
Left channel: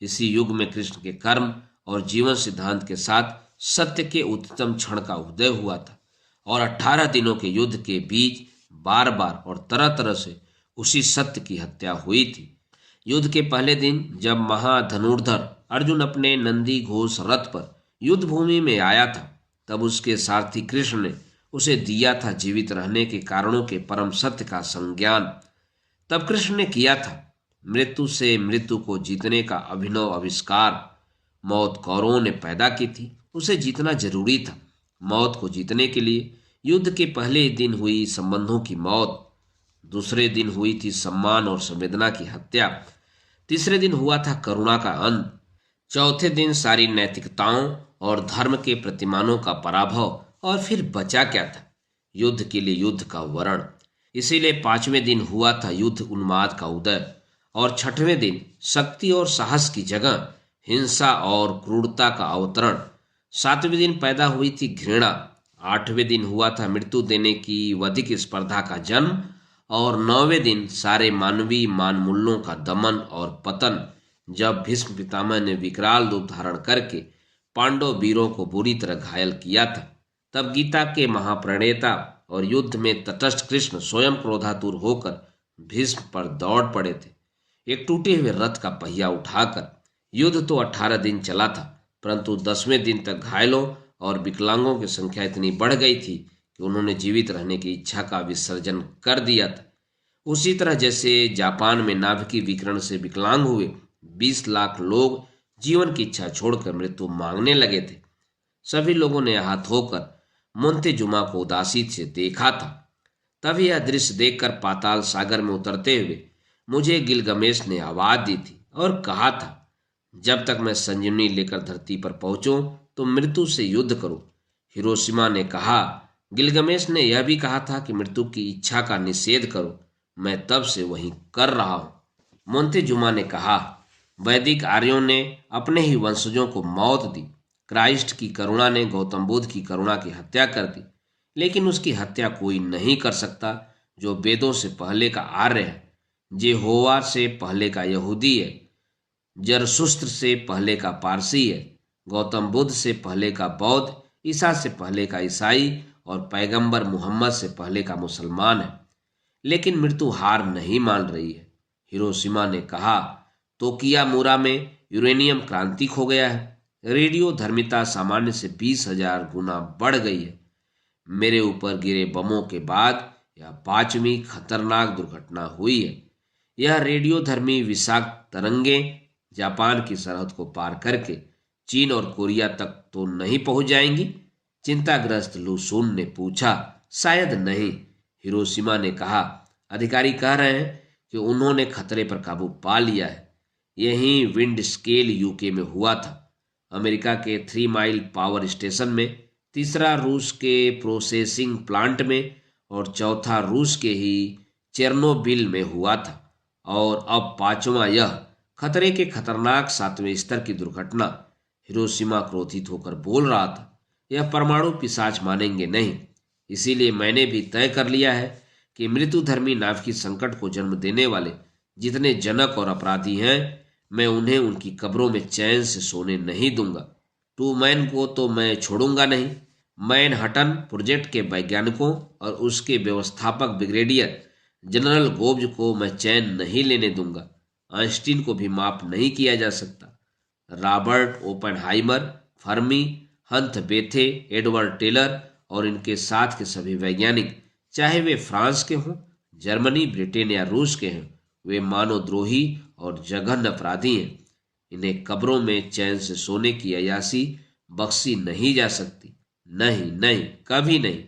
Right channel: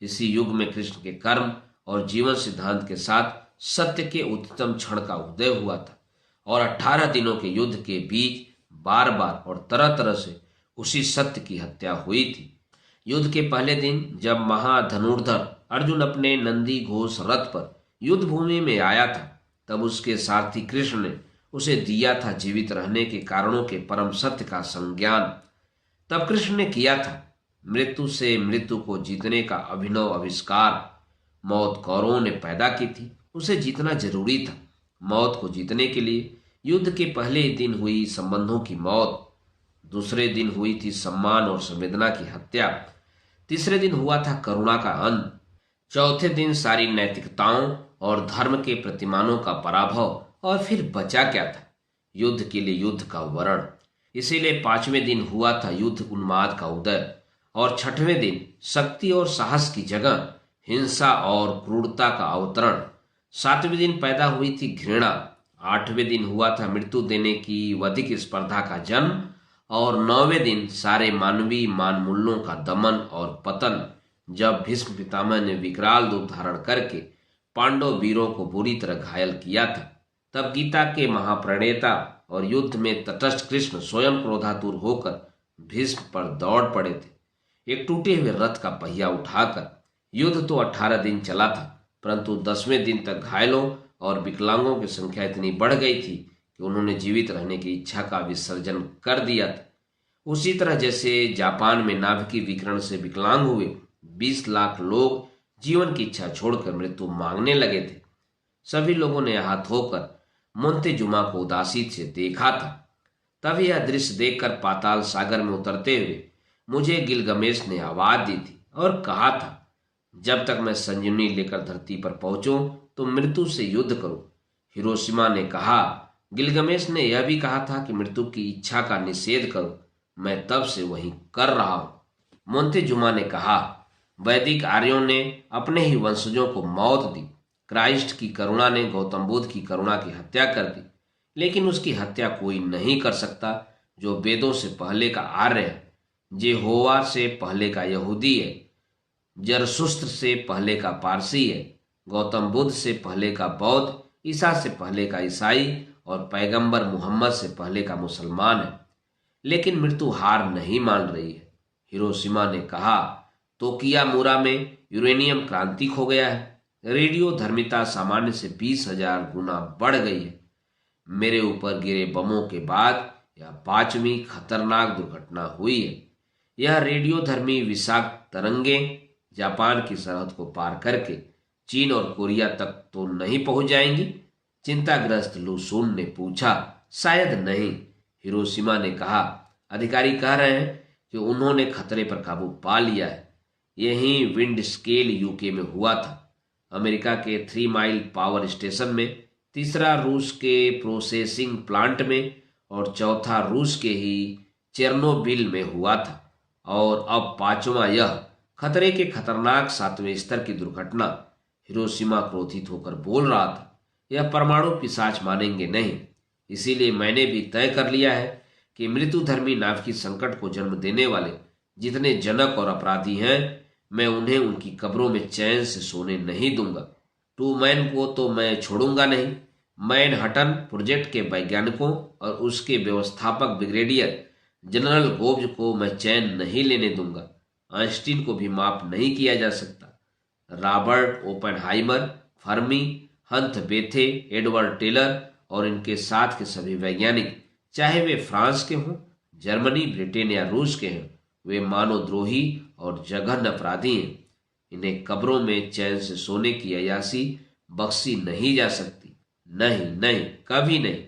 इसी युग में कृष्ण के कर्म और जीवन सिद्धांत के साथ सत्य के उच्चतम क्षण का उदय हुआ था, और 18 दिनों के युद्ध के बीच बार बार और तरह तरह से उसी सत्य की हत्या हुई थी। युद्ध के पहले दिन जब महाधनुर्धर अर्जुन अपने नंदी घोष रथ पर युद्ध भूमि में आया था, तब उसके सारथी कृष्ण ने उसे दिया था जीवित रहने के कारणों के परम सत्य का संज्ञान। तब कृष्ण ने किया था मृत्यु से मृत्यु को जीतने का अभिनव आविष्कार। मौत कौरवों ने पैदा की थी, उसे जीतना जरूरी था। मौत को जीतने के लिए युद्ध के पहले दिन हुई संबंधों की मौत, दूसरे दिन हुई थी सम्मान और संवेदना की हत्या, तीसरे दिन हुआ था करुणा का अंत, चौथे दिन सारी नैतिकताओं और धर्म के प्रतिमानों का पराभव, और फिर बचा क्या था? युद्ध के लिए युद्ध का वर्ण। इसीलिए 5वें दिन हुआ था युद्ध उन्माद का उदय, और 6वें दिन शक्ति और साहस की जगह हिंसा और क्रूरता का अवतरण। 7वें दिन पैदा हुई थी घृणा। 8वें दिन हुआ था मृत्यु देने की वधिक स्पर्धा का जन्म, और 9वें दिन सारे मानवीय मान मूल्यों का दमन और पतन, जब भीष्म पितामह ने विकराल रूप धारण करके पांडव वीरों को बुरी तरह घायल किया था। तब गीता के महाप्रणेता और युद्ध में तटस्थ कृष्ण स्वयं क्रोधातुर होकर भीष्म पर दौड़ पड़े थे, एक टूटे हुए रथ का पहिया उठाकर। युद्ध तो 18 दिन चला था, परंतु 10वें दिन तक घायलों और विकलांगों की संख्या इतनी बढ़ गई थी कि उन्होंने जीवित रहने की इच्छा का विसर्जन कर दिया था। उसी तरह जैसे जापान में नाभिकीय विकिरण से विकलांग हुए 20 लाख लोग जीवन की इच्छा छोड़कर मृत्यु मांगने लगे थे। सभी लोगों ने आहत होकर मोंतेजुमा को उदासी से देखा था। तभी यह दृश्य देखकर पाताल सागर में उतरते हुए मुझे गिलगमेश ने आवाज दी थी और कहा था, जब तक मैं संजीवनी लेकर धरती पर पहुंचूं तो मृत्यु से युद्ध करो। हिरोशिमा ने कहा, गिलगमेश ने यह भी कहा था कि मृत्यु की इच्छा का निषेध करो। मैं तब से वही कर रहा हूं। मोंतेजुमा ने कहा, वैदिक आर्यों ने अपने ही वंशजों को मौत दी, क्राइस्ट की करुणा ने गौतम बुद्ध की करुणा की हत्या कर दी, लेकिन उसकी हत्या कोई नहीं कर सकता जो वेदों से पहले का आर्य है, जेहोवा से पहले का यहूदी है, जरसुस्त्र से पहले का पारसी है, गौतम बुद्ध से पहले का बौद्ध, ईसा से पहले का ईसाई और पैगंबर मोहम्मद से पहले का मुसलमान है। लेकिन मृत्यु हार नहीं मान रही है। हिरोशिमा ने कहा, तोकियामुरा में यूरेनियम क्रांति हो गया है। रेडियो धर्मिता सामान्य से 20,000 गुना बढ़ गई है। मेरे ऊपर गिरे बमों के बाद यह 5वीं खतरनाक दुर्घटना हुई है। यह रेडियो धर्मी विषाक्त तरंगें जापान की सरहद को पार करके चीन और कोरिया तक तो नहीं पहुंच जाएंगी? चिंताग्रस्त लुसून ने पूछा। शायद नहीं, हिरोशिमा ने कहा। अधिकारी कह रहे हैं कि उन्होंने खतरे पर काबू पा लिया है। यही विंड स्केल यूके में हुआ था, अमेरिका के 3 माइल पावर स्टेशन में, तीसरा रूस के प्रोसेसिंग प्लांट में और चौथा रूस के ही चेरनोबिल में हुआ था। और अब 5वां यह खतरे के खतरनाक 7वें स्तर की दुर्घटना। हिरोशिमा क्रोधित होकर बोल रहा था, यह परमाणु पिशाच मानेंगे नहीं। इसीलिए मैंने भी तय कर लिया है कि मृत्युधर्मी नाभिक संकट को जन्म देने वाले जितने जनक और अपराधी हैं, मैं उन्हें उनकी कब्रों में चैन से सोने नहीं दूंगा। टू मैन को तो मैं छोड़ूंगा नहीं। मैनहट्टन प्रोजेक्ट के वैज्ञानिकों और उसके व्यवस्थापक ब्रिगेडियर जनरल गोब्ज को मैं चैन नहीं लेने दूंगा। आइंस्टीन को भी माफ नहीं किया जा सकता। Robert Oppenheimer, Fermi, Hans Bethe, Edward Teller और इनके साथ के सभी वैज्ञानिक, चाहे वे फ्रांस के हों, जर्मनी, ब्रिटेन या रूस के हैं, वे मानवद्रोही और जघन्य अपराधी हैं। इन्हें कब्रों में चैन से सोने की अयासी बख्शी नहीं जा सकती। नहीं नहीं, कभी नहीं।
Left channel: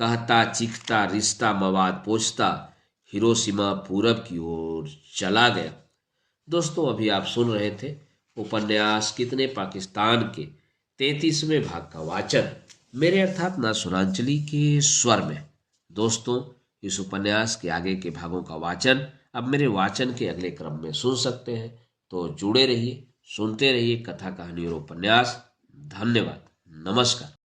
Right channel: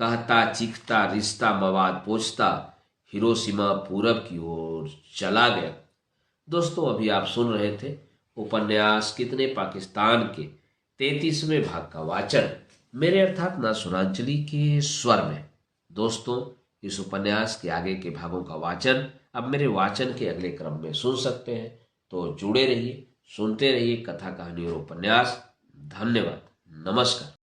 कहता चीखता रिश्ता मवाद पोछता हिरोशिमा पूरब की ओर चला गया। दोस्तों, अभी आप सुन रहे थे उपन्यास कितने पाकिस्तान के 33वें भाग का वाचन मेरे अर्थात ना सुनांचली के स्वर में। दोस्तों, इस उपन्यास के आगे के भागों का वाचन अब मेरे वाचन के अगले क्रम में सुन सकते हैं। तो जुड़े रहिए, सुनते रहिए कथा, कहानी और उपन्यास। धन्यवाद। नमस्कार।